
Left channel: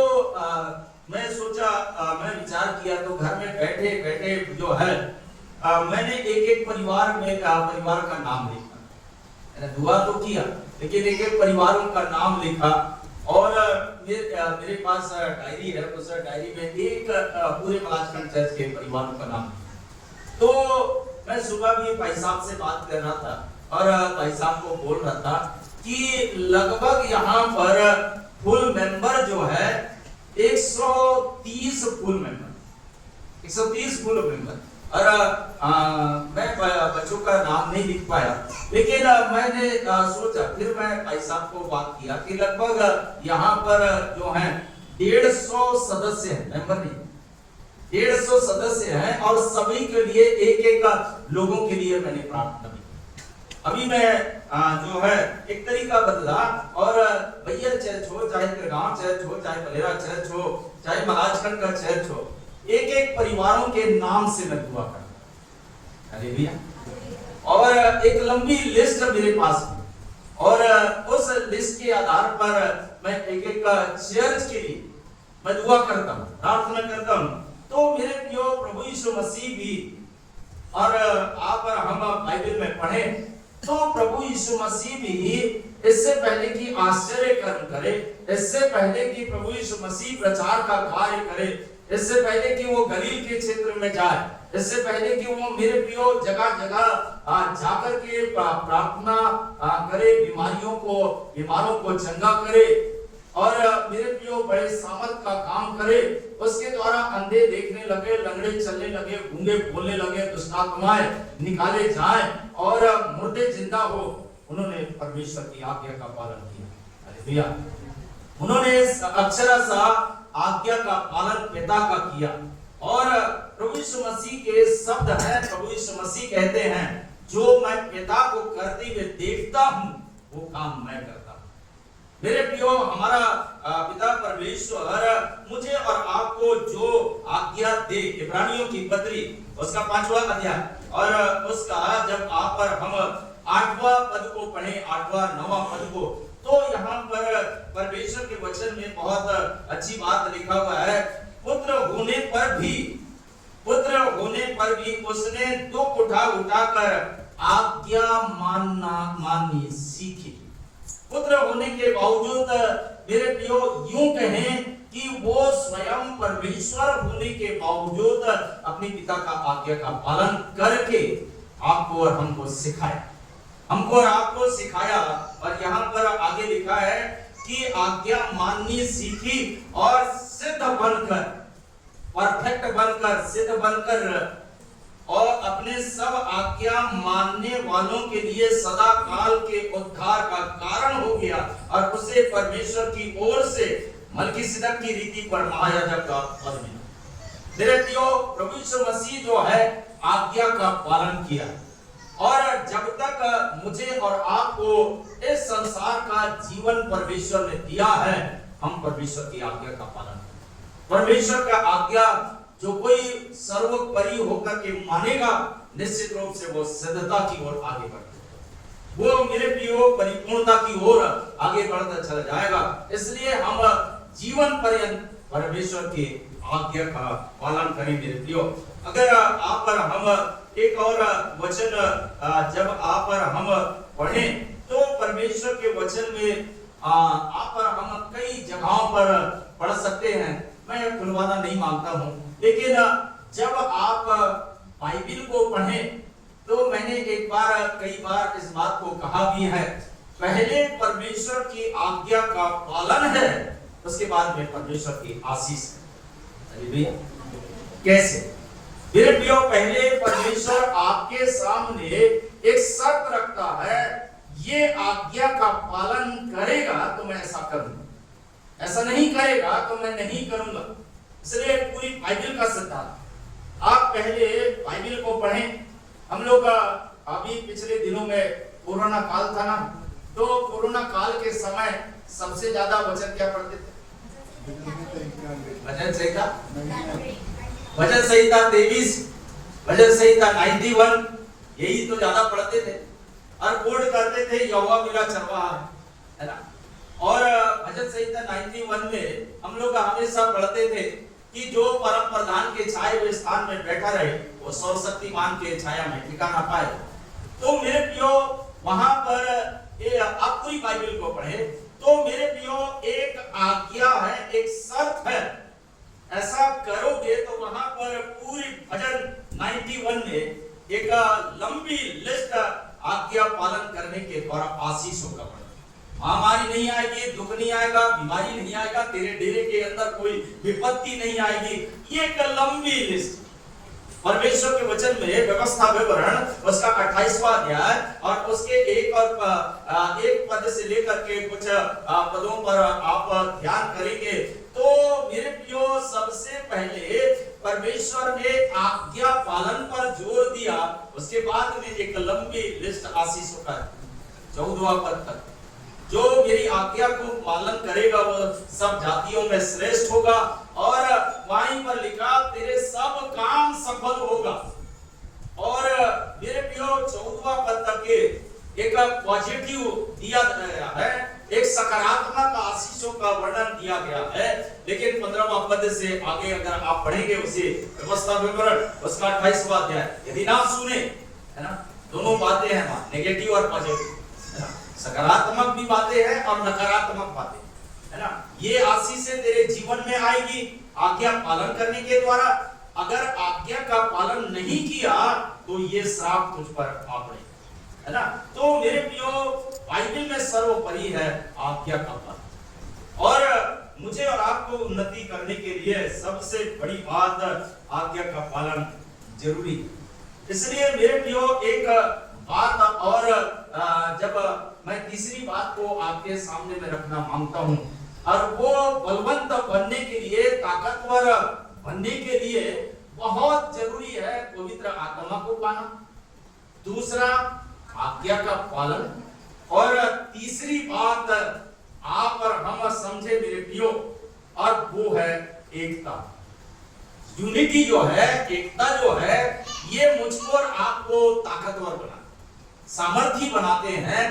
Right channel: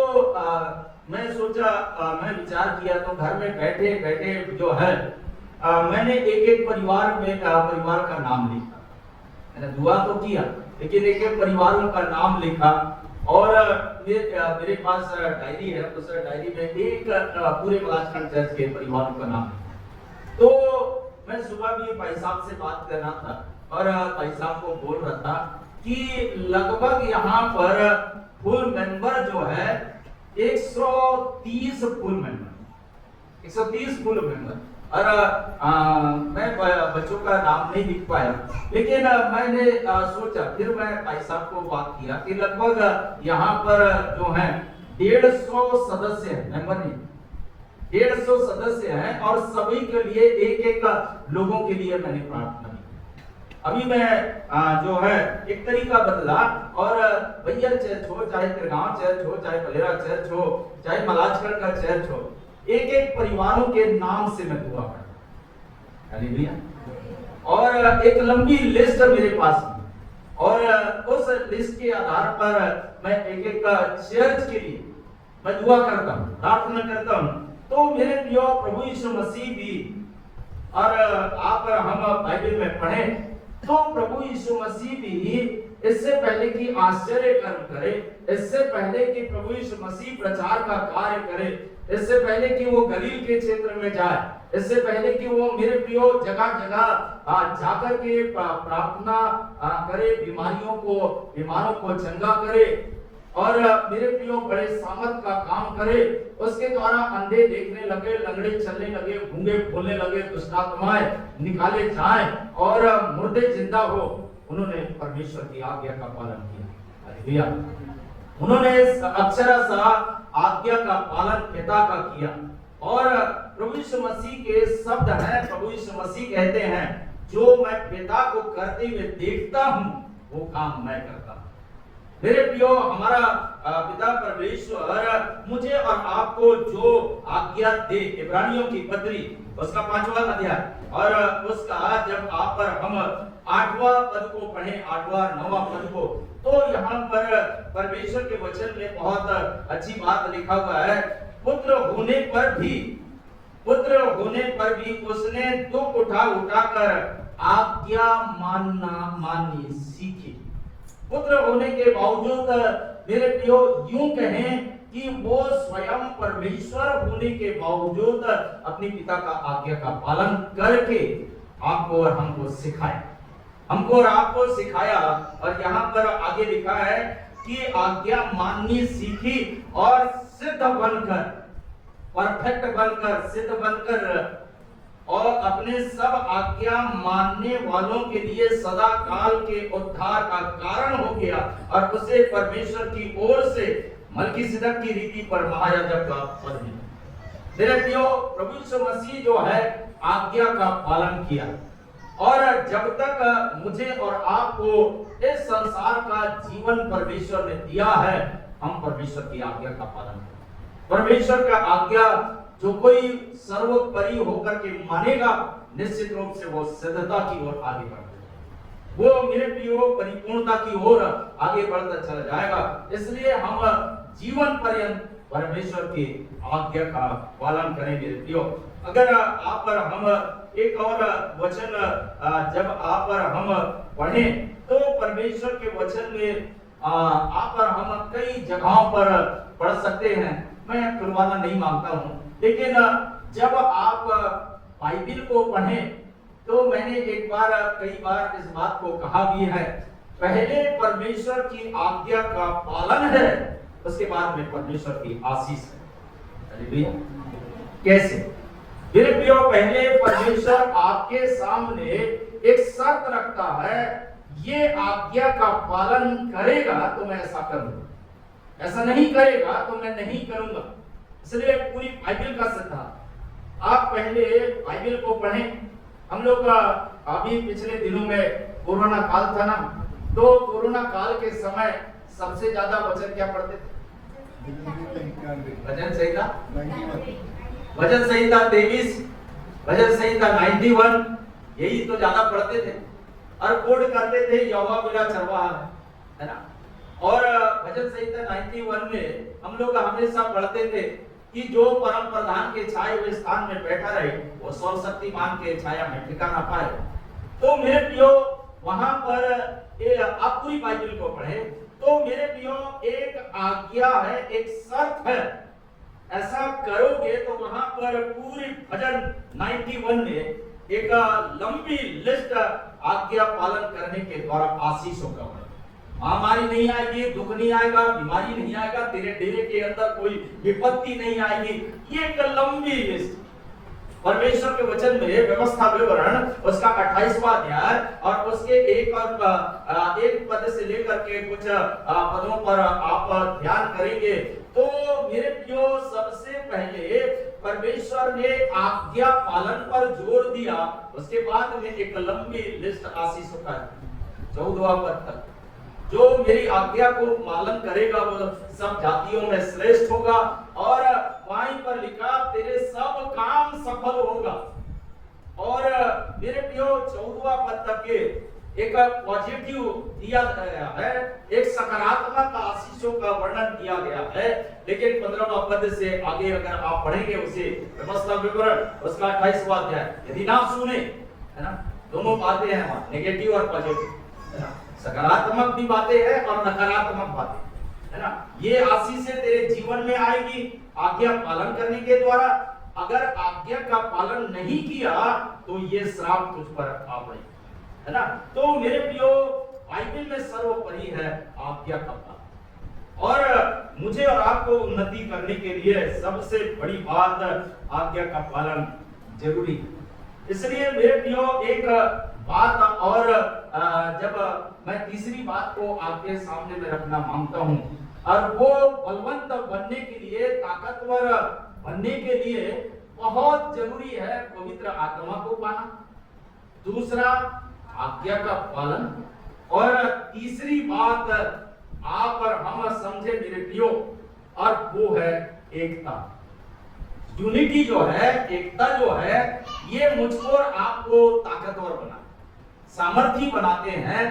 मैं सोचा, मैंने विचार किया तो घर में बैठे बैठे जो है मैंने एक एक परिवार का नाम लिखा। मैंने दुआ तो किया लेकिन एक एक परिवारों का नाम लिखा और फिर मेरे पास डायरी है, उस डायरी में एक पूरे क्लासमेट चर्च के परिवारों का नाम लिखा। तो मैं सुबह भी भाई साहब से बात कर रहा था और भाई साहब को बोल रहा था कि लगभग यहाँ पर फुल मेंबर जो है 130 फुल मेंबर, 130 फुल मेंबर। और मैं बच्चों का नाम नहीं लिख पाया, लेकिन मैंने सोचा, फिर मैं भाई साहब को बात किया कि लगभग यहाँ पर जो है 150 सदस्य हैं, मेंबर नहीं, 150 सदस्य हैं और सभी के लिए एक एक लोगों के लिए मैंने प्रार्थना की। अभी मैं जो है एक तरीका बदला और भैया चर्च हो, चाहे गांव चर्च हो, चाहे बलेरा चर्च हो, चाहे मलाजखंड का चर्च हो, एक एक परिवारों के नाम से मैं दुआ करता। हालेलुया। और एक लंबी लिस्ट मेरे पास और उस लिस्ट के आधार पर मैं एक एक चर्च के लिए मैं दुआ करता हूँ, प्रार्थना करता हूँ। तो मेरे प्रिय प्रभु यीशु मसीह भी और आप हम बाइबल में पढ़े तो प्रभु यीशु मसीह भी इससे पहले कि आश्चर्य कर्म करे, इससे पहले कि प्रभु यीशु मसीह प्रचार का कार्य करे, इससे पहले कि वो गलील के क्षेत्र में जाए, इससे पहले कि वो मेरे प्रियो जगह जगह जाकर के प्रार्थना करे, बीमारों को चंगा करे और मेरे प्रियो बड़े सामर्थ का काम करे। उसके द्वारा अंधे देखने लगे, लंगड़े चलने लगे, गूंगे बोलने लगे, दुष्ट आत्माएं निकाले जाएं और मुर्दे जिंदा हो। उन्होंने परमेश्वर की आज्ञा का पालन किया। हालेलुया। उन्होंने इस अक्षरशः आज्ञा का पालन पिता का किया। और प्रभु यीशु मसीह के शब्द हैं, प्रभु यीशु मसीह कहते हैं, जो मैं पिता को करते हुए देखता हूं वो काम मैं करता हूं। मेरे प्रियो, हमारा पिता परमेश्वर मुझे और आपको जो आज्ञा दे, इब्रानियों की पत्री उसका 5वां अध्याय और उसका जब आप पर हम 8वां पद को पढ़ें, 8वां 9वां पद को, तो यहाँ पर परमेश्वर के वचन में बहुत अच्छी बात लिखा हुआ है। पुत्र होने पर भी उसने दुख उठाकर आज्ञा माननी सीखी। पुत्र होने के बावजूद मेरे प्रियो, यूं कहें कि वो स्वयं परमेश्वर होने के बावजूद अपने पिता का आज्ञा का पालन करके आपको और हमको सिखाया, हमको और आपको सिखाया। और यहाँ पर आगे लिखा है कि आज्ञा माननी सीखी और सिद्ध बनकर, परफेक्ट बनकर, सिद्ध बनकर और अपने सब आज्ञा मानने वालों के लिए सदा काल के उद्धार का कारण हो गया और उसे परमेश्वर की ओर से मलकीसिदक की रीति पर महायाजक का पद मिला। मेरे प्रियो, प्रभु यीशु मसीह जो है आज्ञा का पालन किया और जब तक मुझे और आपको इस संसार का जीवन परमेश्वर ने दिया है, हम परमेश्वर की आज्ञा का पालन करें। परमेश्वर का आज्ञा जो कोई सर्वोपरि होकर के मानेगा, निश्चित रूप से वो सिद्धता की ओर आगे बढ़ेगा, वो मेरे प्रियो परिपूर्णता की ओर आगे बढ़ता चला जाएगा। इसलिए हम जीवन पर्यंत परमेश्वर की आज्ञा का पालन करें मेरे प्रियो। अगर आप पर हम एक और वचन जब आप पर हम पढ़ें तो परमेश्वर के वचन में आप पर हम कई जगहों पर पढ़ सकते हैं। मैं खुलवाना नहीं मांगता हूं, लेकिन जब आप बाइबिल को पढ़ें तो मैंने कई बार इस बात को कहा भी है, पहले परमेश्वर की आज्ञा का पालन है, उसके बाद में परमेश्वर की आशीष है। कैसे? मेरे प्रियो, पहले परमेश्वर आपके सामने एक शर्त रखता है, ये आज्ञा का पालन करेगा तो मैं ऐसा करूंगा, ऐसा नहीं करेगा तो मैं नहीं करूंगा। इसलिए पूरी बाइबिल का सिद्धांत आप पहले बाइबिल को पढ़ें। हम लोग अभी पिछले दिनों में कोरोना काल था ना, तो कोरोना काल के समय सबसे ज्यादा वचन क्या पढ़ते थे? भजन संहिता, भजन संहिता 23, भजन संहिता 91, यही तो ज्यादा पढ़ते थे और कोड करते थे, यहोवा मेरा चरवाहा है ना। और भजन संहिता 91 में हम लोग हमेशा पढ़ते थे कि जो परम प्रधान के छाए हुए स्थान में बैठा रहे वो सर्वशक्तिमान के छाया में ठिकाना पाए। तो मेरे प्रियो, वहां पर आप पूरी बाइबल को पढ़े तो मेरे प्रियो एक आज्ञा है, एक शर्त है, ऐसा करोगे तो वहां पर पूरी भजन 91 में एक लंबी लिस्ट आज्ञा पालन करने के द्वारा आशीषों का, महामारी नहीं आएगी, दुख नहीं आएगा, बीमारी नहीं आएगा, तेरे डेरे के अंदर कोई विपत्ति नहीं आएगी। ये एक लंबी लिस्ट परमेश्वर के वचन में व्यवस्था विवरण उसका 28वां अध्याय और उसके एक पद से लेकर के कुछ पदों पर आप ध्यान करेंगे तो मेरे प्रियो, सबसे पहले परमेश्वर ने आज्ञा पालन पर जोर दिया, उसके बाद में एक लंबी लिस्ट आशीषों का 14वां पद तक, जो मेरी आज्ञा को पालन करेगा वो सब जातियों में श्रेष्ठ होगा। और वहीं पर लिखा तेरे सब काम सफल होगा। और मेरे प्रियो, 14वां पद तक के एक पॉजिटिव दिया गया है, एक सकारात्मक आशीषों का वर्णन किया गया है। लेकिन 15वां पद से आगे अगर आप पढ़ेंगे उसे व्यवस्था विवरण उसका 28वां अध्याय, यदि ना सुने, है ना, दोनों बातें हैं वहां, नेगेटिव और पॉजिटिव, है ना, सकारात्मक भी बातें हैं और नकारात्मक बातें, है ना। ये आशीष से तेरे जीवन में आएगी आज्ञा पालन करने के द्वारा। अगर आज्ञा का पालन नहीं किया तो ये श्राप तुझ पर आ पड़े, है ना। तो मेरे प्रियो, बाइबल में सर्वोपरि है आज्ञा का पालन, और मुझे और आपको उन्नति करने के लिए सबसे बड़ी बात आज्ञा का पालन जरूरी है। इसलिए मेरे प्रियो, एक बात और जब मैं तीसरी बात को आपके सामने में रखना मांगता हूं, और वो बलवंत बनने के लिए, ताकतवर बनने के लिए बहुत जरूरी है पवित्र आत्मा को पाना, दूसरा आज्ञा का पालन, और तीसरी बात आप और हम समझे मेरे प्रियो, और वो है एकता। यूनिटी जो है, एकता जो है, ये मुझको और आपको ताकतवर बना, सामर्थी बनाते हैं।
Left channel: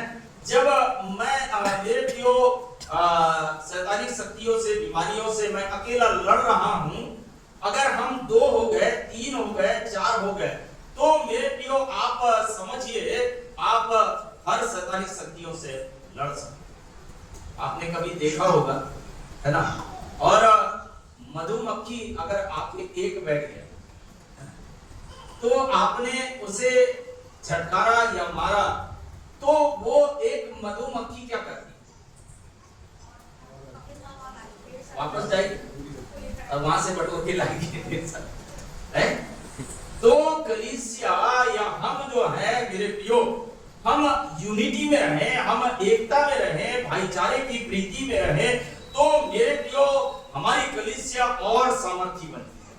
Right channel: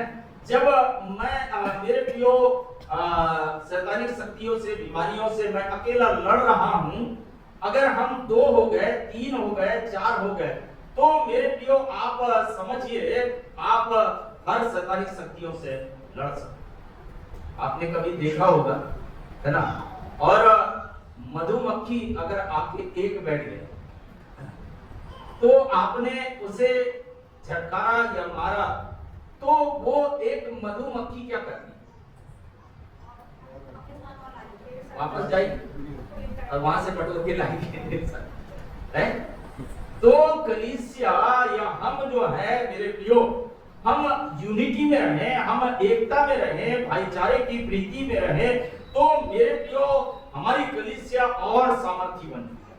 जब मैं मेरे प्रियो शैतानी शक्तियों से, बीमारियों से मैं अकेला लड़ रहा हूं, अगर हम 2 हो गए, 3 हो गए, 4 हो गए, तो मेरे प्रियो आप समझिए आप हर शैतानी शक्तियों से लड़ सकते। आपने कभी देखा होगा, है ना, और मधुमक्खी अगर आपके एक बैठ गया तो आपने उसे झटकारा या मारा, तो वो एक मधुमक्खी क्या करती है? वापस जाएगी और वहां से बटोर के लाएगी, है। तो कलीसिया या हम जो है मेरे प्रियो, हम यूनिटी में रहें, हम एकता में रहें, भाईचारे की प्रीति में रहें, तो मेरे प्रियो हमारी कलीसिया और सामर्थी बनती है।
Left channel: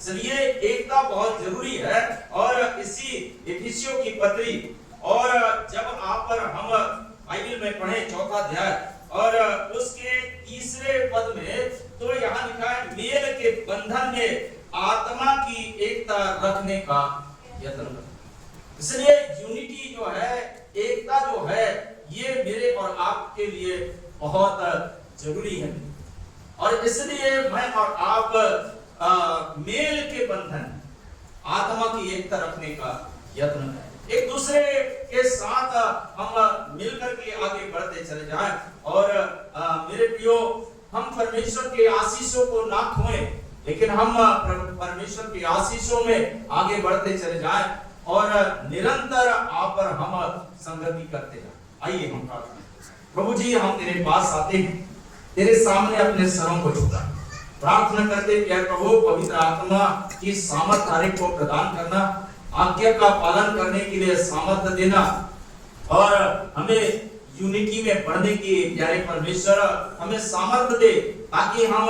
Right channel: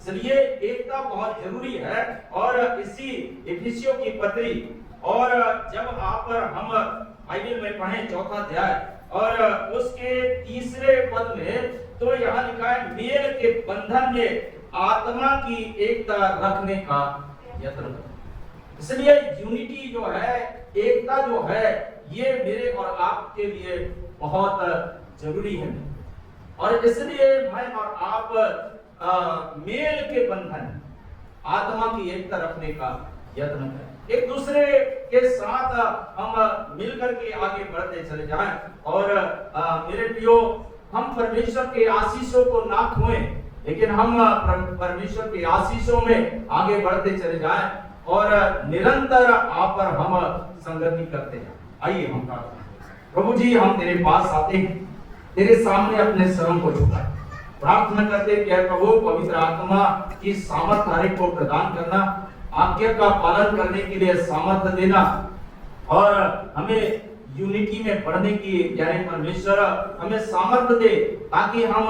इसलिए एकता बहुत जरूरी है। और इसी इफिसियों की पत्री, और जब आप और हम बाइबल में पढ़ें 4वां अध्याय और उसके 3रे पद में, तो यहाँ लिखा है मेल के बंधन में आत्मा की एकता रखने का यत्न करो। इसलिए यूनिटी जो है, एकता जो है, ये मेरे और आपके लिए बहुत जरूरी है। और इसलिए मैं और आप मेल के बंधन, आत्मा की एकता रखने का यत्न करें, एक दूसरे के साथ हम मिलकर के आगे बढ़ते चले जाएं। और मेरे प्रियो, हम परमेश्वर के आशीषों को ना खोएं, लेकिन हम परमेश्वर के आशीषों में आगे बढ़ते चले जाएं और निरंतर आप पर हम संगति करते हैं। आइए हम प्रार्थना। प्रभु जी, हम तेरे पास आते हैं, तेरे सामने अपने सरों को झुका प्रार्थना करते हैं, प्रभु पवित्र आत्मा की सामर्थ हर एक को प्रदान करना, आज्ञा का पालन करने के लिए सामर्थ देना, और हमें यूनिटी में बढ़ने की प्यारे परमेश्वर हमें सामर्थ दे, ताकि हम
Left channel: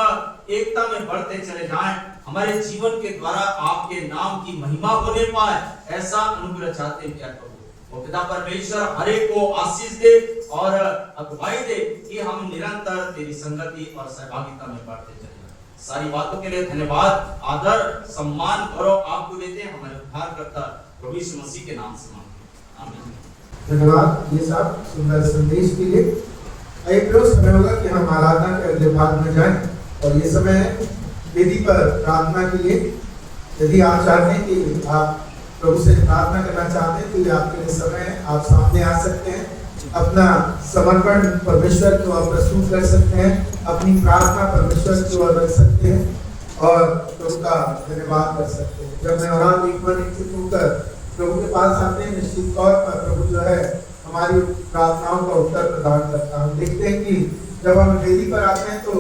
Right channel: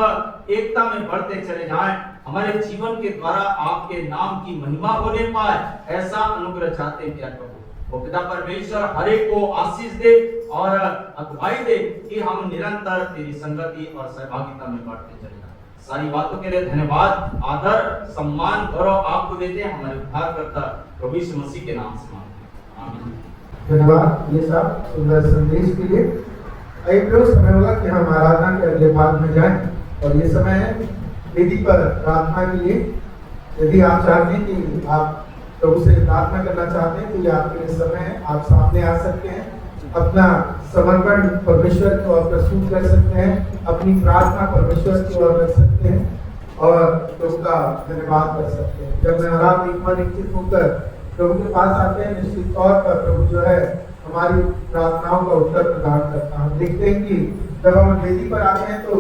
एकता में बढ़ते चले जाएं, हमारे जीवन के द्वारा आपके नाम की महिमा होने पाए, ऐसा अनुग्रह चाहते हैं प्रभु। वो पिता परमेश्वर हर एक को आशीष दे और अगुवाई दे कि हम निरंतर तेरी संगति और सहभागिता में बढ़ते चले जाएं। सारी बातों के लिए धन्यवाद, आदर, सम्मान, गौरव आपको देते हैं हमारे उद्धारकर्ता प्रभु यीशु मसीह के नाम से मांगते हैं, आमीन। धन्यवाद ये सब सुंदर संदेश के लिए। आइए प्रभु, समय होगा कि हम आराधना के अगले भाग में जाएं, और ये समय है वेदी पर प्रार्थना के लिए। यदि आप चाहते हैं कि आप प्रभु से प्रार्थना करना चाहते हैं, तो ये आपके लिए समय है, आप सामने आ सकते हैं, अपना समर्पण परमेश्वर की ओर प्रस्तुत कर सकते हैं, अपनी प्रार्थना परमेश्वर की ओर रख सकते हैं और प्रभु का धन्यवाद कर सकते हैं। जब मैं आराम इच्छित होकर प्रभु के पास आते हैं, निश्चित तौर पर प्रभु जो है हमारी प्रार्थनाओं का उत्तर प्रदान करता है। देखते हैं कि जब हम वेदी पर आते हैं तो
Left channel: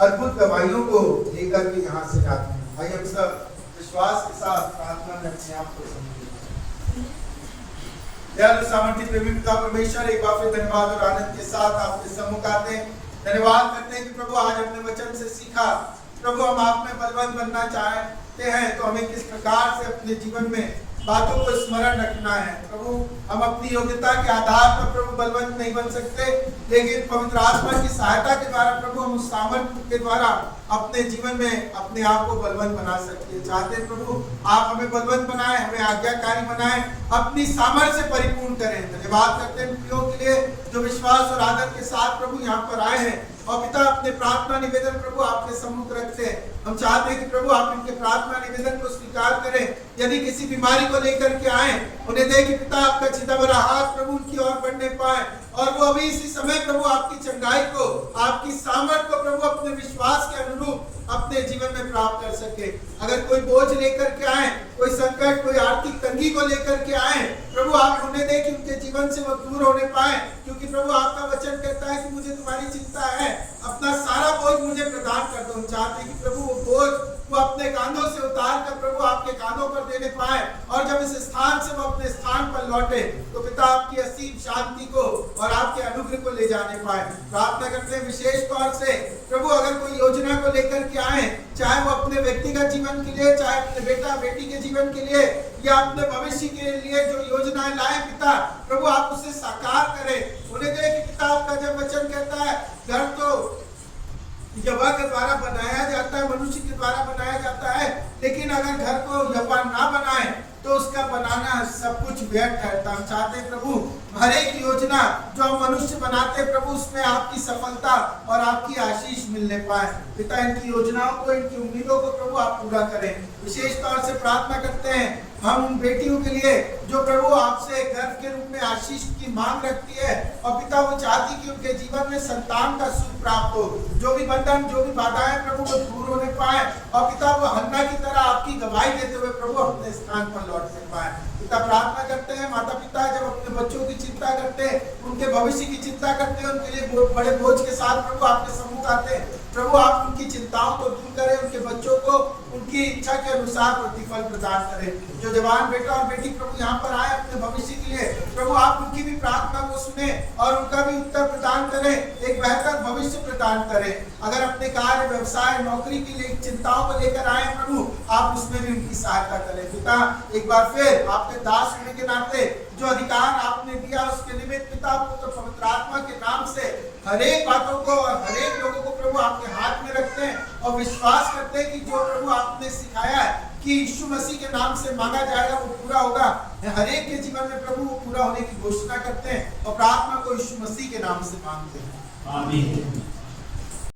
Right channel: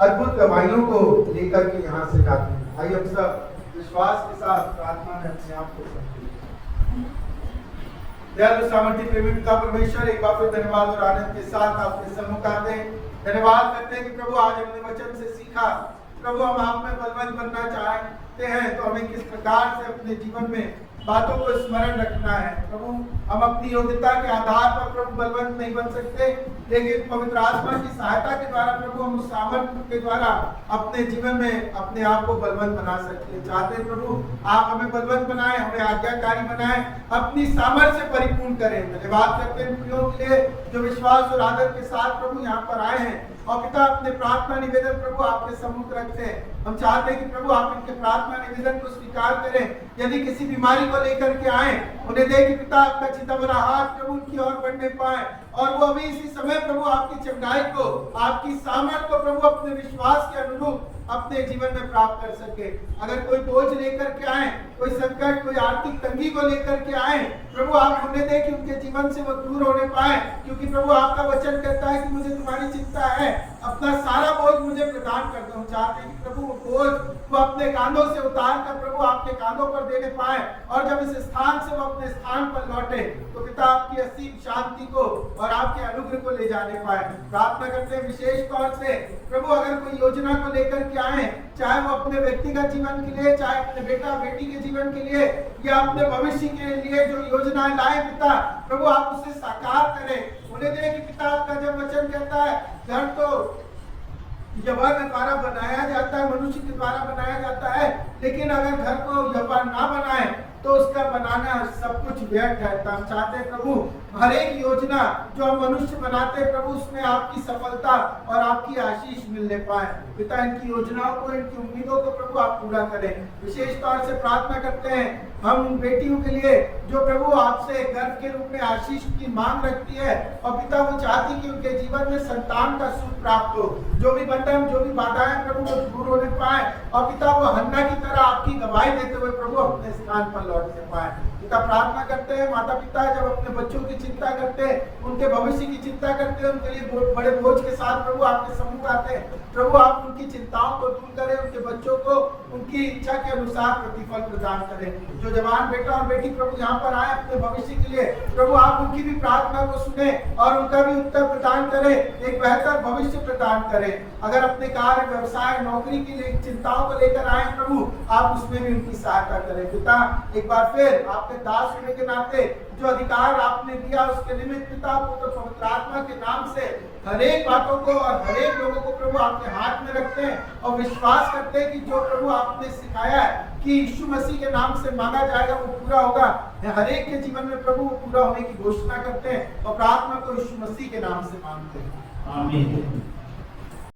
अद्भुत गवाहियों को लेकर के यहाँ से जाते हैं। आइए हम सब विश्वास के साथ प्रार्थना में अपने आप को समर्पित करें। सामर्थ्य प्रेमी पिता परमेश्वर, एक बार फिर धन्यवाद और आनंद के साथ आपके सम्मुख आते हैं। धन्यवाद करते हैं कि प्रभु आज हमने वचन से सीखा, प्रभु हम आप में बलवंत बनना चाहते हैं, तो हमें किस प्रकार से अपने जीवन में बातों को स्मरण रखना है। प्रभु हम अपनी योग्यता के आधार पर प्रभु बलवंत नहीं बन सकते, लेकिन पवित्र आत्मा की सहायता के द्वारा प्रभु हम उस सामर्थ्य के द्वारा अपने जीवन में अपने आप को बलवंत बना सकते हैं। चाहते हैं प्रभु आप हमें बलवंत बनाएं, हमें आज्ञाकारी बनाएं, अपनी सामर्थ्य से परिपूर्ण करें। धन्यवाद करते हैं प्रियों के लिए जो विश्वास और आदर के साथ प्रभु यहाँ पर आए हैं, और पिता अपने प्रार्थना निवेदन प्रभु आपके सम्मुख रखते हैं। हम चाहते हैं कि प्रभु आप इनके प्रार्थना निवेदन को स्वीकार करें। यदि किसी बीमारी को लेकर के आए, उन्हें दे कि पिता आपका छिदा भरा हाथ प्रभु उनकी ओर बढ़ने पाए, और वो अभी इसी समय प्रभु आपकी चंगाई को, आपकी सामर्थ को प्रभु अपने विश्वास के अनुरूप अपने जीवन में प्राप्त कर सके। अगर कोई बोझ लेकर के आए, कोई संकट, कोई आर्थिक तंगी को लेकर के आए, प्रभु आप होने दें कि उनके जीवन से वो दूर होने पाए, क्योंकि प्रभु आपका वचन कहता है कि मुझे तुम्हारी चिंता है, अपना सारा बोझ मुझे प्रदान कर दो। हम चाहते हैं कि प्रभु वो बोझ वो अपने कांधों से उतार कर प्रभु आपके कांधों पर देने पाए, और जब इस स्थान से वो अपने स्थान पर लौटे तो पिता आपकी असीम शांति को और आपके अनुग्रह को ले जाने पाए। प्रार्थना करते हैं विशेष तौर से प्रभु अगर कोई योजना को लेकर के आए, चाहे वो अपने व्यक्तिगत जीवन के लिए, चाहे अपने बेटा बेटी के जीवन के लिए, या अपने भविष्य के लिए जो योजनाएं लाए पिता, प्रभु आप उसे साकार करें। उन्हें दे कि पिता आपका जब वचन कहता है घर तो यहोवा के द्वारा बनाया जाता है, मनुष्य के द्वारा बनाया जाता है, लेकिन अगर घर को यहोवा ना बनाए तो उसका बनाना सब कुछ व्यर्थ है। हम चाहते हैं प्रभु हर एक योजना जो हम मनुष्य बनाते हैं प्रभु उसमें आपकी सफलता और आपकी आशीष मिलने पाए। पिता इनकी योजनाओं को, इनकी उम्मीदों को प्रभु आप पूरा करें। विशेष तौर से प्रार्थना करते हैं हम उन बेटियों के लिए जो प्रभु आपसे गर्भ के रूप में आशीष की मांग रखती है, और पिता वो चाहती कि उनके जीवन में संतान का सुख प्राप्त हो, जो भी बंधन, जो भी बाधाएं प्रभु वो दूर होने पाए, और पिता वो हन्ना की तरह आपकी गवाही देते हुए प्रभु अपने स्थान पर लौटने पाए। पिता प्रार्थना करते हैं माता पिता जब अपने बच्चों की चिंता करते हैं, उनके भविष्य की चिंता करते हैं, उनके लिए बड़े बोझ के साथ प्रभु आपके सम्मुख आते हैं, प्रभु आप उनकी चिंताओं को दूर करें, उनके बच्चों को उनकी इच्छा के अनुसार प्रतिफल प्रदान करें। जो जवान बेटा और बेटी प्रभु यहाँ पर आए अपने भविष्य के लिए, प्रभु आप उनकी भी प्रार्थना को सुने और उनका भी उत्तर प्रदान करें, एक बेहतर भविष्य प्रदान करें। अगर अपने कार्य, व्यवसाय, नौकरी की चिंताओं को लेकर आए प्रभु आप उसमें भी उनकी सहायता करें। पिता एक बार फिर आपके दास होने के नाते जो अधिकार आपने दिया उसके निमित्त पिता पुत्र पवित्र आत्मा के नाम से हर एक बातों को और हर एक लोगों को प्रभु आपके हाथ में रखते हैं, और विश्वास करते हैं कि जो प्रभु आपने सिखाया है कि यीशु मसीह के नाम से मांगा जाएगा वो पूरा होगा। हर एक के जीवन में प्रभु वो पूरा होने की घोषणा करते हैं, और प्रार्थना को यीशु मसीह के नाम से मांगते हैं। आमीन।